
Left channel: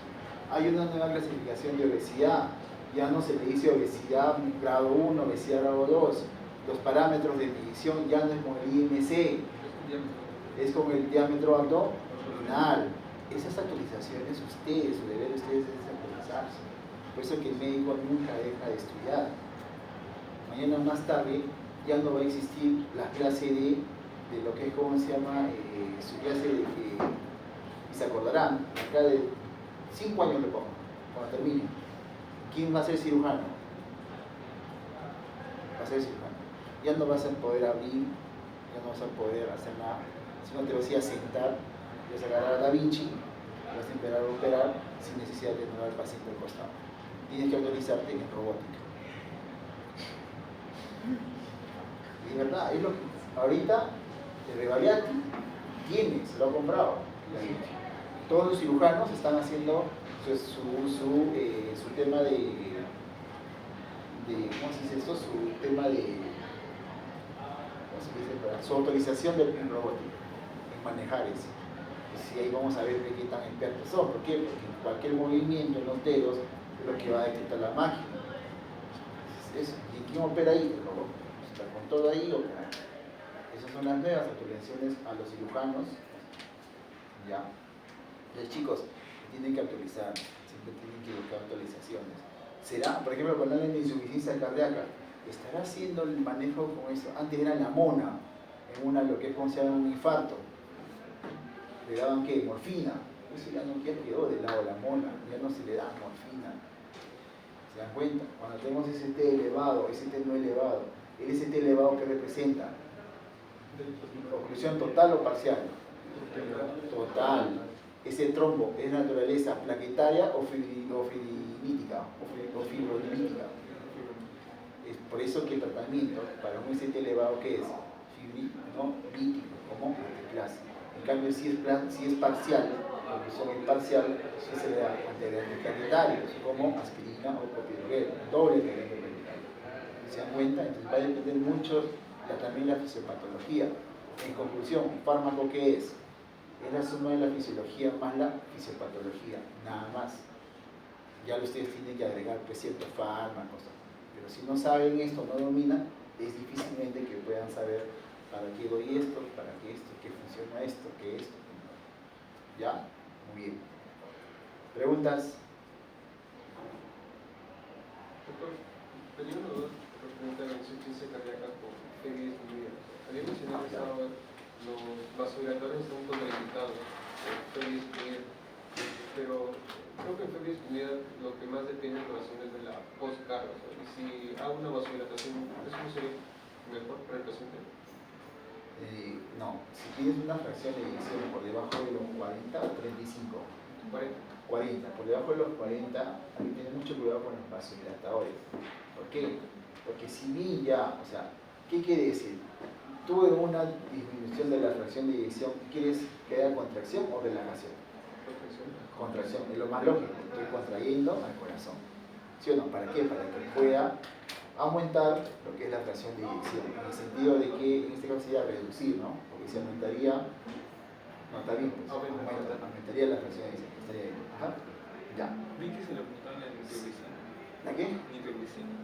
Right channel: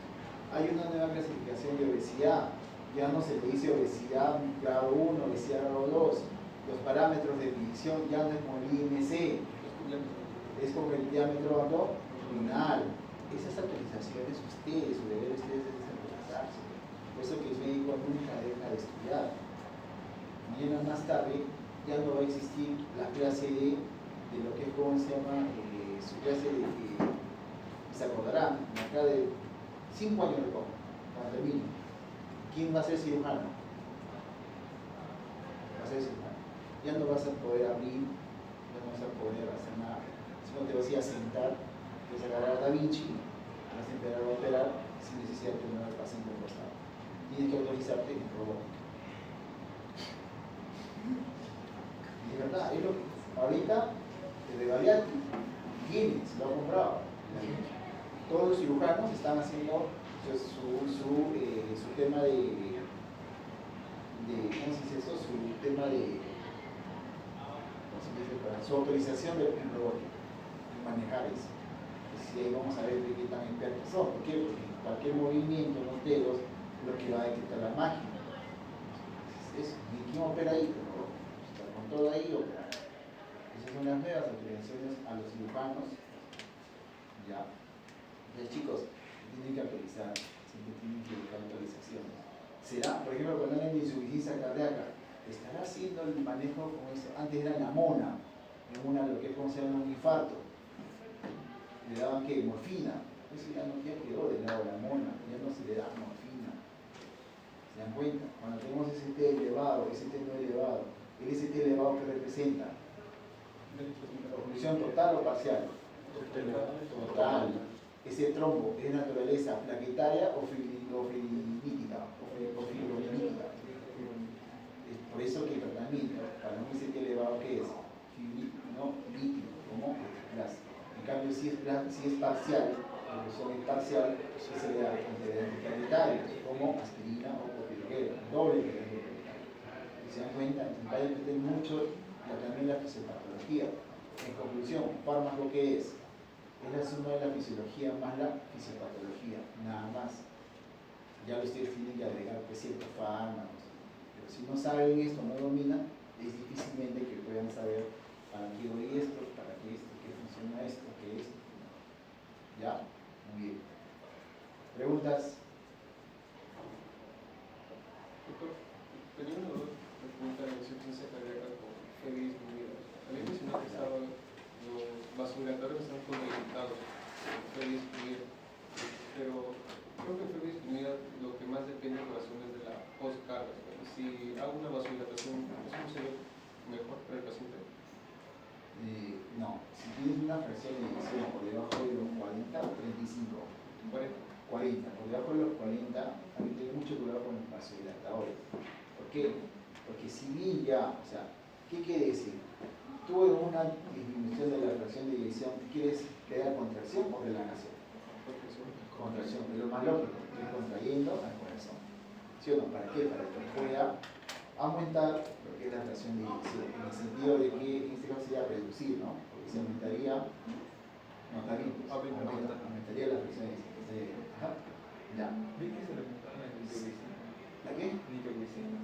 Hay una nueva clasificación de obesidad. Ya no se le dice obesidad grado 1, obesidad grado 2. Los parámetros de medición ya no es como el IMC, es como el diámetro abdominal. Esas actualizaciones, ustedes, su deber de ustedes es actualizarse. Por eso que el médico nunca deja de estudiar. Mañana más tarde ya no va a existir la clase de lo que es, ¿cómo se llama? Su clase de y se acordarán, acá de 5 años le pongo, cuando termine. ¿Quién va a ser cirujano? Va a ser cirujano. Ya no vas a poder abrir, ya no vas a poder hacer nada, sino te vas a ir a sentar, vas a agarrar a Da Vinci, vas a empezar a operar sin necesidad de tener al paciente al costado. Tienes que autorizarte en robótica. Y de verdad, es lo que ahorita el Revaliati tiene, se lo ha comprado. Todos los cirujanos están haciendo su tema de ¿cómo se dice esto? Su tema de su autorización en robótica, en manejar eso. Entonces, ahí vamos a ver de qué tan expertos son. ¿Por qué? Porque cualquier movimiento en los dedos es lo que va a detectar la máquina. Entonces, ¿y quién opera ahí? El robot. Está con todo ahí, opera. Esas son las nuevas autorizaciones a los cirujanos. ¿Ya? Entonces, chicos, tienen que actualizar, siempre tienen que buscar actualizaciones. ¿Será, por ejemplo, cuando hablan de insuficiencia cardíaca, estará haciendo el manejo con eso? Antes era la mona, en una lo que es como se llama un infarto. Le daban ¿qué? Morfina. Eso ya no quedó de lado la mona, ya no se le da morfina. ¿Se dan cuenta? Cuando tenemos ST elevado, ST no elevado, el ST elevado ¿qué representa? ¿Oclusión total o parcial? Total. Ese trombo es naturaleza plaquetaria o fibrolítica. Es por eso que el tratamiento para un ST elevado, ¿qué es? Fibrolítico, como clase. En cambio, si es parcial, la oclusión es parcial, se le da antiplaquetarios, como aspirina o clopidogrel, doble antiplaquetario. ¿Se dan cuenta? Entonces va a depender mucho también la fisiopatología. En conclusión, ¿un fármaco qué es? Es la suma de la fisiología más la fisiopatología, nada más. Ya ustedes tienen que agregar pues, ciertos fármacos, pero si no saben esto, no dominan, es difícilmente que puedan saber para qué doy esto, para qué esto, qué funciona esto, qué esto. ¿Ya? Muy bien. ¿Preguntas? Doctor, tenía una duda referente a la insuficiencia cardíaca por heavy disminuida. Había mencionado que los vasodilatores están contraindicados por heavy disminuida, pero creo que en heavy disminuida lo que más depende de las razones de la una vasodilatación, ¿eso no sería mejor para el paciente? No, si tienes una fracción de eyección por debajo de los 40 o 35, 40, por debajo de los 40, hay que tener mucho cuidado con los vasodilatadores. ¿Por qué? Porque si bien ya, o sea, ¿qué quiere decir? Tuve una disminución de la fracción de eyección, ¿quieres que haya contracción o relajación? Contracción, es lo más lógico, estoy contrayendo al corazón. ¿Sí o no? ¿Para qué? Para que pueda aumentar lo que es la fracción de eyección, en el sentido de que en este caso sería reducir, ¿no? Porque si aumentaría, no está bien, pues, aumentaría la fracción de eyección, estaría bien. Ajá. Ya. Vi que se le apuntaban la nitroglicina. ¿La qué? Nitroglicina.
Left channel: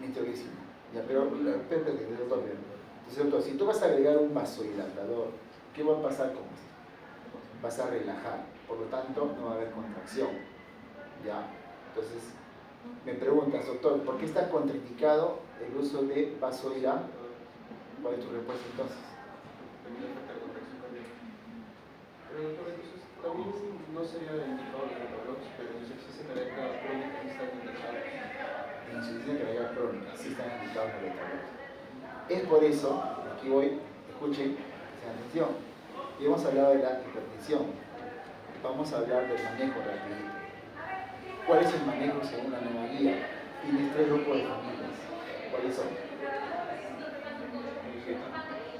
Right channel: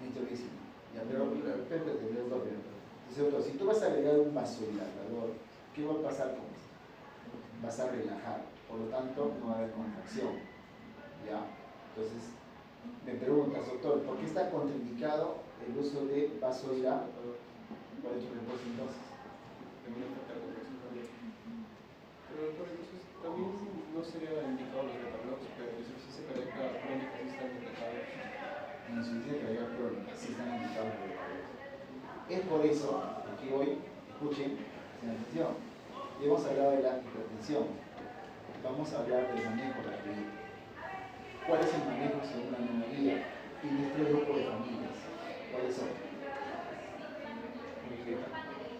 Nitroglicina. Ya, pero, doctor, entonces, doctor, si tú vas a agregar un vasodilatador, ¿qué va a pasar con esto? Vas a relajar, por lo tanto no va a haber contracción. ¿Ya? Entonces, me preguntas, doctor, ¿por qué está contraindicado el uso de vasodilatador? ¿Cuál es tu respuesta entonces? También afecta la contracción cardíaca. Pero doctor, entonces también no sería indicado los metabloques, pero insuficiencia cardíaca crónica sí están indicados. En insuficiencia cardíaca crónica sí están indicados los metabloques. Es por eso, aquí voy, escuchen, presten atención, y hemos hablado de la hipertensión. Vamos a hablar del manejo rapidito. ¿Cuál es el manejo según la nueva guía? Tienes 3 grupos de familias. ¿Cuáles son?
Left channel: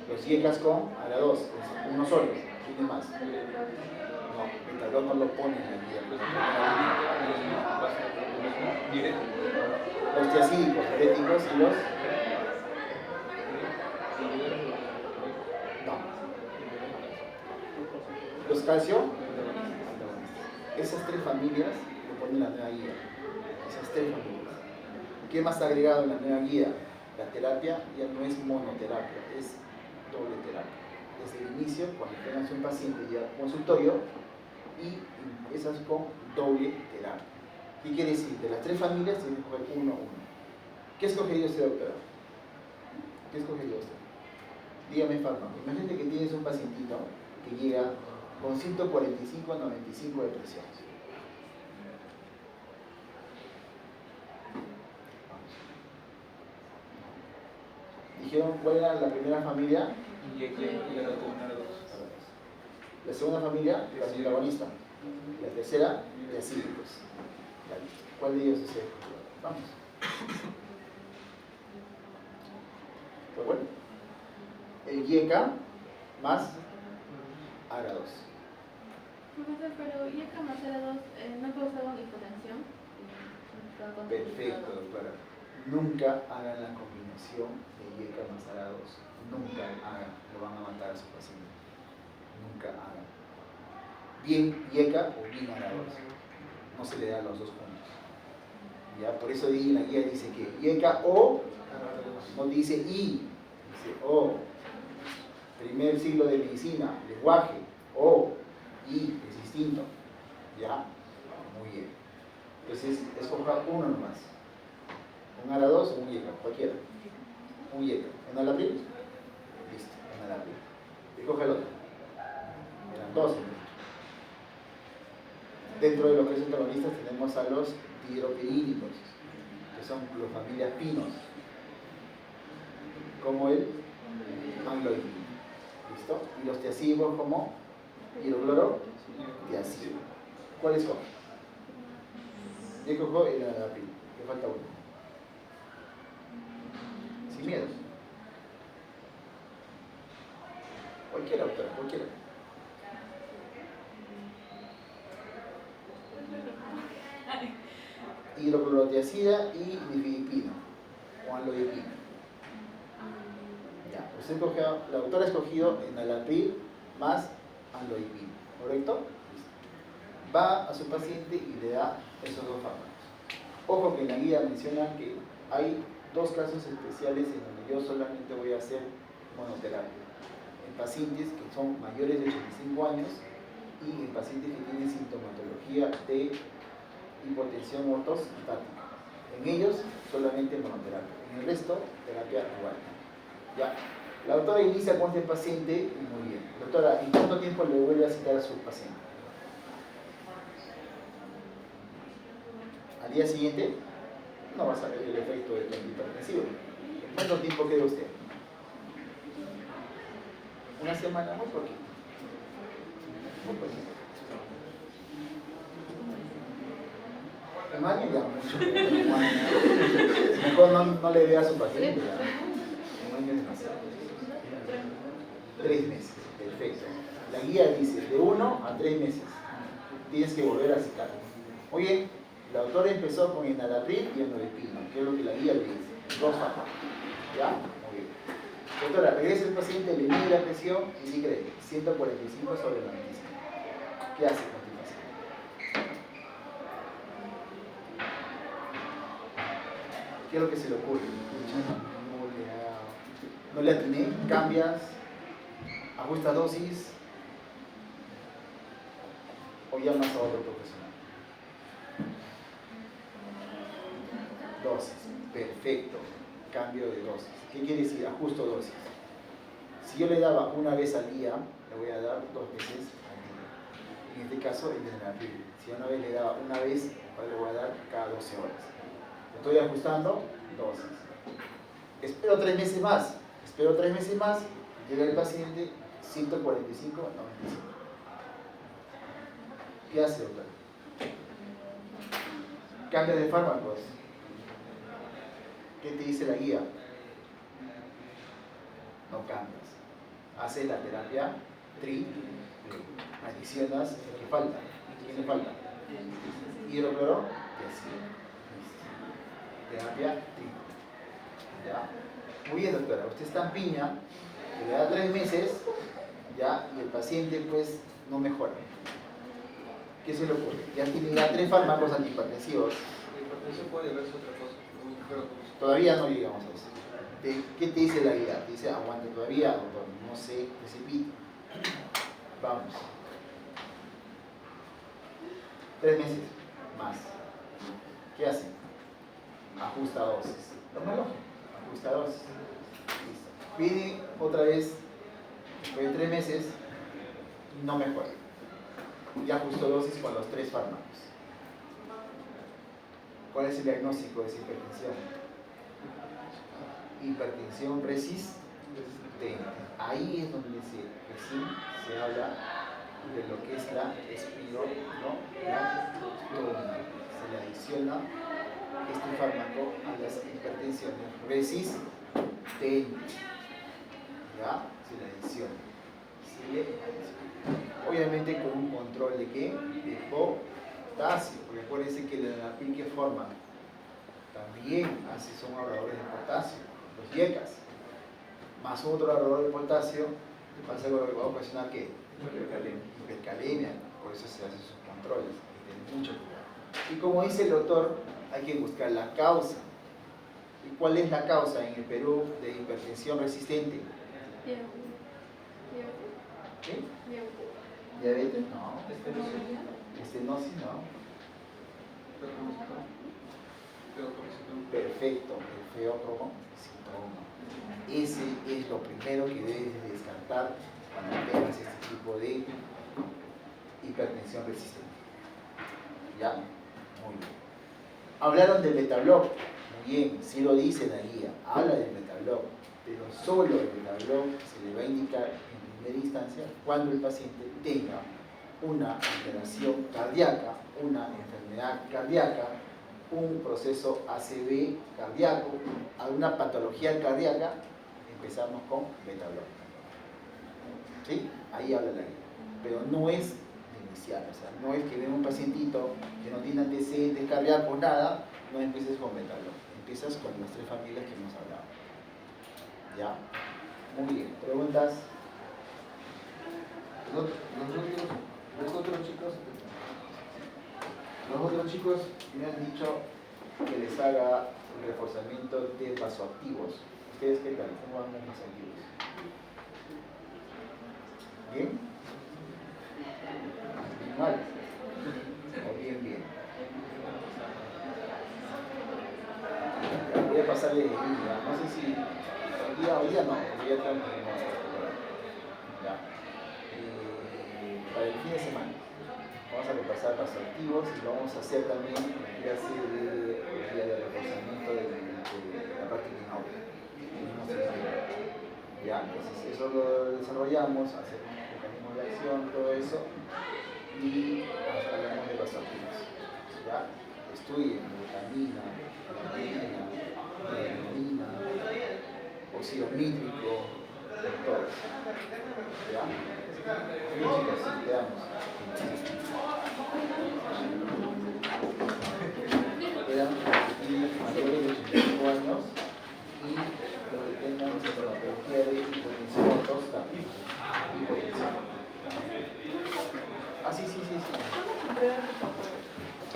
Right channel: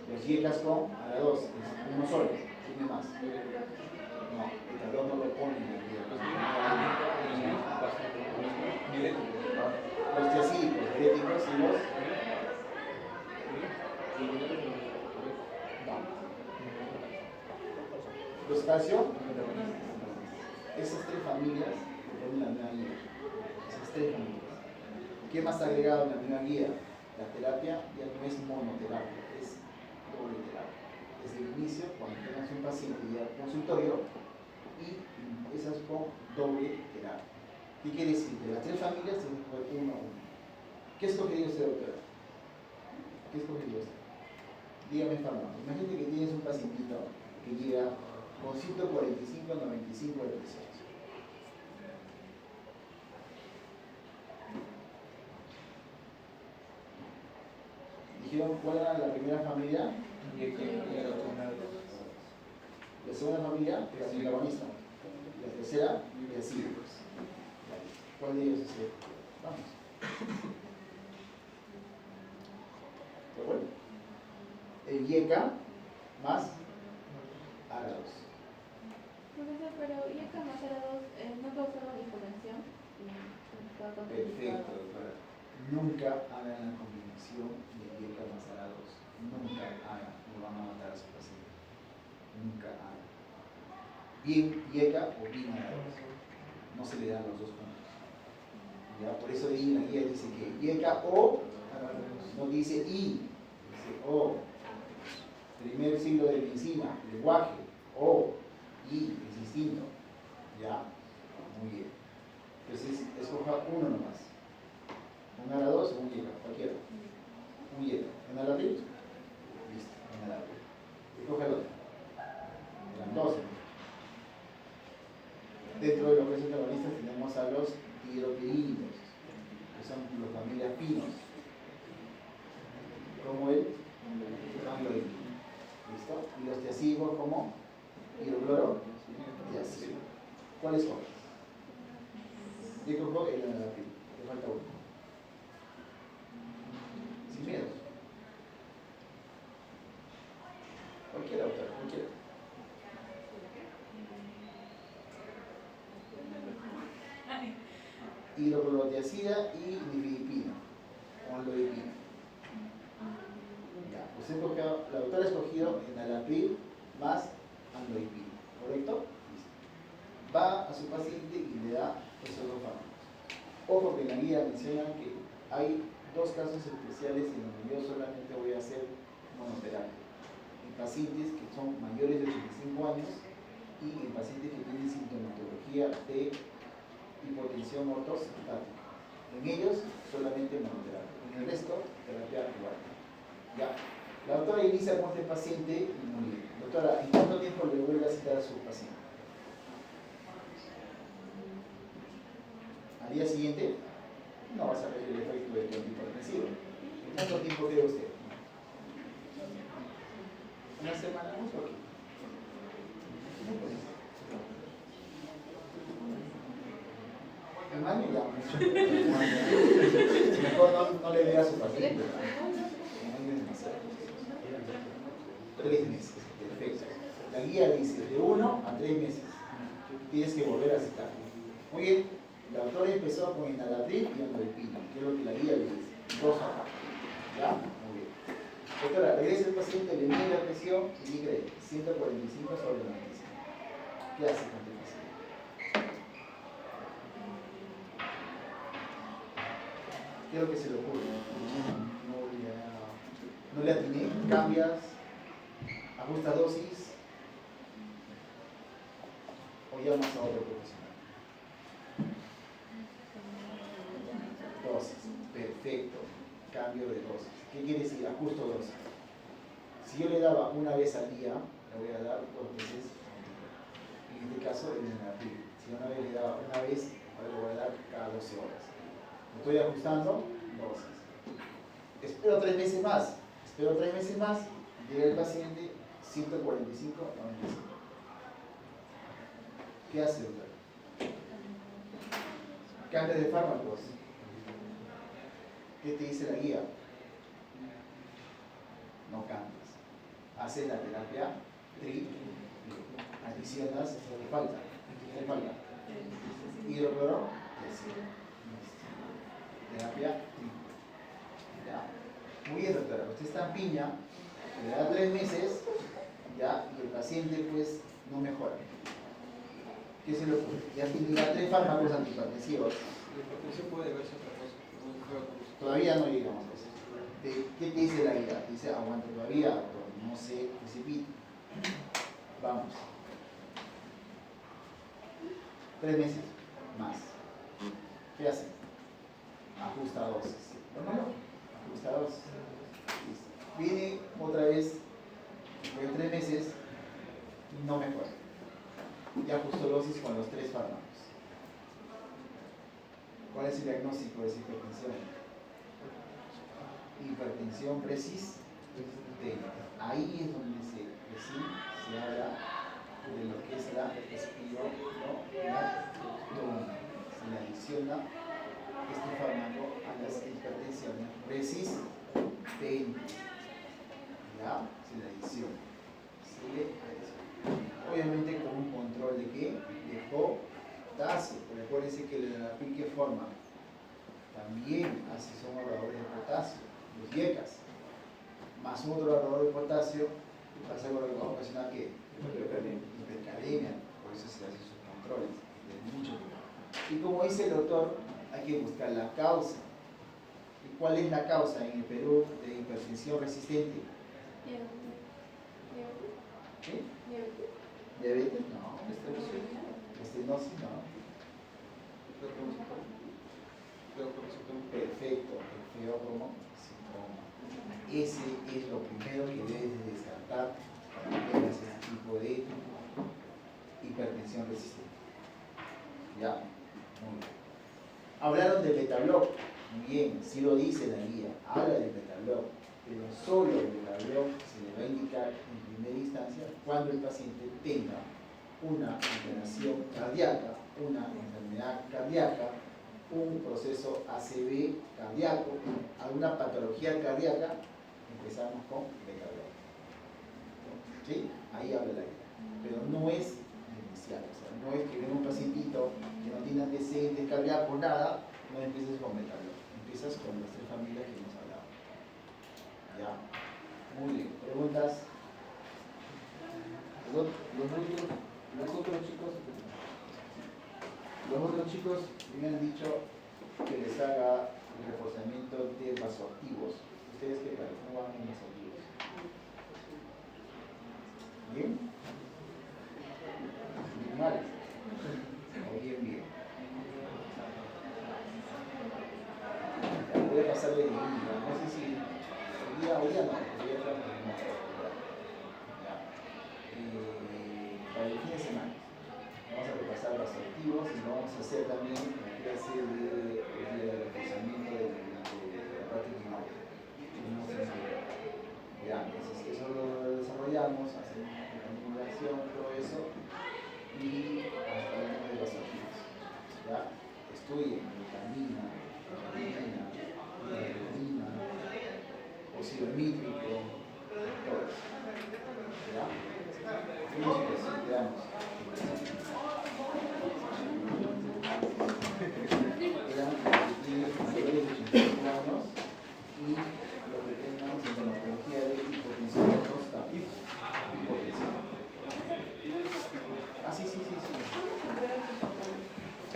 Los IECAS con ARA2, es uno solo, tiene más. No, el tablón no lo pone en la guía. Los tiacídicos, diuréticos y los... No. Los calcio, esas 3 familias lo ponen en la nueva guía. Esas 3 familias. ¿Qué más ha agregado en la nueva guía? La terapia ya no es monoterapia, es doble terapia. Desde el inicio, cuando tengas un paciente ya consultorio, y esas con doble terapia. ¿Qué quiere decir? De las 3 familias tienes que escoger uno a uno. ¿Qué ha escogido usted, doctora? ¿Qué ha escogido usted? Dígame, fármaco. Imagínate que tienes un pacientito que llega con 145 a 95 de presión. Dijeron cuál era la primera familia. La segunda familia, la antagonista. La tercera, diacídicos. ¿Cuál de ellos es el? Vamos. Pues bueno. El IECA más ARA2. Profesor, pero IECA más ARA2 no ha causado hipotensión. Perfecto, doctora. Nunca hagan la combinación de IECA más ARA2. Nunca hagan. Lo van a matar a su paciente. Nunca hagan. Bien IECA o bien ARA2. No se le dan los dos juntos. ¿Ya? Por eso en la guía dice que IECA o, no dice I, dice O. Primer siglo de medicina, lenguaje, O, I, es distinto. ¿Ya? Muy bien. Entonces, escoja uno nomás. Un ARA2 o un IECA, cualquiera. Un IECA. ¿Un alapril? Listo, un alapril. Escoge el otro. Eran 2. Dentro de los que son antagonistas tenemos a los dihidropirínicos, que son las familias pinos, como el amloidina. ¿Listo? Y los tiacídicos como hidrocloro tiacídico. ¿Cuál escoge? Yo escojo el alapril, que falta uno. Sin miedo. Cualquiera, doctora, cualquiera. Hidroclorotiazida y nifedipina o amlodipina. Ya, usted escogió, la doctora ha escogido enalapril más amlodipina, ¿correcto? Listo. Va a su paciente y le da esos dos fármacos. Ojo que en la guía mencionan que hay 2 casos especiales en donde yo solamente voy a hacer monoterapia. En pacientes que son mayores de 85 años y en pacientes que tienen sintomatología de hipotensión ortostática. En ellos solamente monoterapia, en el resto terapia dual. Ya. La doctora inicia con este paciente y muy bien. Doctora, ¿en cuánto tiempo le vuelve a citar a su paciente? ¿Al día siguiente? No va a saber el efecto de el antihipertensivo. ¿Cuánto tiempo quiere usted? ¿Una semana? Muy poquito. Muy poquito. Un año ya mucho. Un año. Mejor no le vea a su paciente. Un año es demasiado. 3 meses. Perfecto. La guía dice de 1 a 3 meses. Tienes que volver a citar. Oye, la autora empezó con enalapril y amlodipino, que es lo que la guía le dice. 2 fármacos. ¿Ya? Muy bien. Doctora, regresa el paciente, le mide la presión y dice 145 sobre 95. ¿Qué hace a continuación? ¿Qué es lo que se le ocurre? No le atiné, cambias, ajusta dosis o llamas a otro profesional. Dosis, perfecto, cambio de dosis. ¿Qué quiere decir? Ajusto dosis. Si yo le daba una vez al día, le voy a dar 2 veces al día. En este caso, el enalapril. Si una vez le daba una vez, ahora le voy a dar cada 12 horas. Estoy ajustando dosis. Espero 3 meses más. Espero 3 meses más. Llega el paciente 145, 95. ¿Qué hace, doctor? Cambia de fármacos. ¿Qué te dice la guía? No cambias. Haces la terapia adicionas lo que falta. ¿Qué falta? Hidrocloro, terapia ¿ya? Muy bien, doctora. Usted está en piña, le da 3 meses, ¿ya? Y el paciente pues no mejora. ¿Qué se le ocurre? Ya tiene ya 3 fármacos antihipertensivos. La hipertensión puede verse otra cosa. Todavía no llegamos a eso. ¿Qué te dice la guía? Te dice, aguante todavía, doctor, no se precipite. Vamos. 3 meses más. ¿Qué hace? Ajusta dosis. Tómalo. Ajusta dosis. Listo. Viene otra vez, después de 3 meses, y no mejora. Ya ajustó dosis con los 3 fármacos. ¿Cuál es el diagnóstico de esa hipertensión? Hipertensión persistente. Ahí es donde recién se habla de lo que es la espironolactona. Se le adiciona este fármaco a las hipertensiones resistentes. ¿Ya? Se le adiciona. Obviamente con un control de qué? De potasio. Porque acuérdense que el enalapril que forma también son ahorradores de potasio, los IECAS, más otro ahorrador de potasio, pasa algo que va a ocasionar que hipercalemia, por eso se hacen sus controles, hay que tener mucho cuidado. Y como dice el doctor, hay que buscar la causa. ¿Y cuál es la causa en el Perú de hipertensión resistente? ¿Qué? ¿Diabetes? No. Estenosis, no. Perfecto, el feocromo síndrome. Ese es lo primero que debes de descartar cuando tengas este tipo de hipertensión resistente. ¿Ya? Muy bien. Hablaron del metabloc. Muy bien, sí lo dice la guía. Habla del metabloc, pero solo el metabloc se le va a indicar en primera instancia cuando el paciente tenga una alteración cardíaca, una enfermedad cardíaca, un proceso ACV cardíaco, alguna patología cardíaca, empezamos con metabloc. ¿Sí? Ahí habla la guía. Pero no es inicial, o sea, no es que venga un pacientito que no tiene antecedentes cardíacos, nada, no empieces con metabloc. Empiezas con las 3 familias que hemos hablado. ¿Ya? Muy bien. ¿Preguntas? Los otros chicos me han dicho que les haga el reforzamiento de vasoactivos. ¿Ustedes qué tal? ¿Cómo van los vasoactivos? ¿Bien? ¿Bien mal? ¿O bien, bien? Ya, voy a pasarle de día. No sé si hoy día no, porque ya estamos en ya. Para el fin de semana. Vamos a repasar los activos y vamos a hacer también una clase de día de reforzamiento de nosotros lo desarrollamos, hacemos mecanismos de acción, todo eso, y hasta hablamos de vasoactivos. ¿Ya? Estudien glutamina, adenina, adenina, óxido nítrico, todo eso. ¿Ya? Música, sí, veamos. Eran mayores de 85 años y los que tengan sintomatología de hipotensión ortosta. Hipotensión. Ah, sí.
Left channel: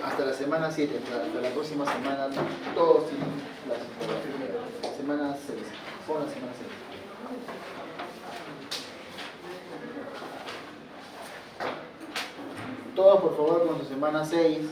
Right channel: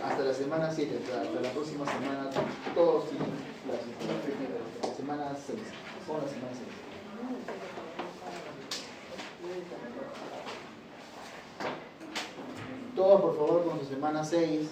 Hasta la semana 7, hasta la próxima semana, todos tienen la sintomatología. Semana 6. Pon la semana 6. Todos, por favor, con su semana 6.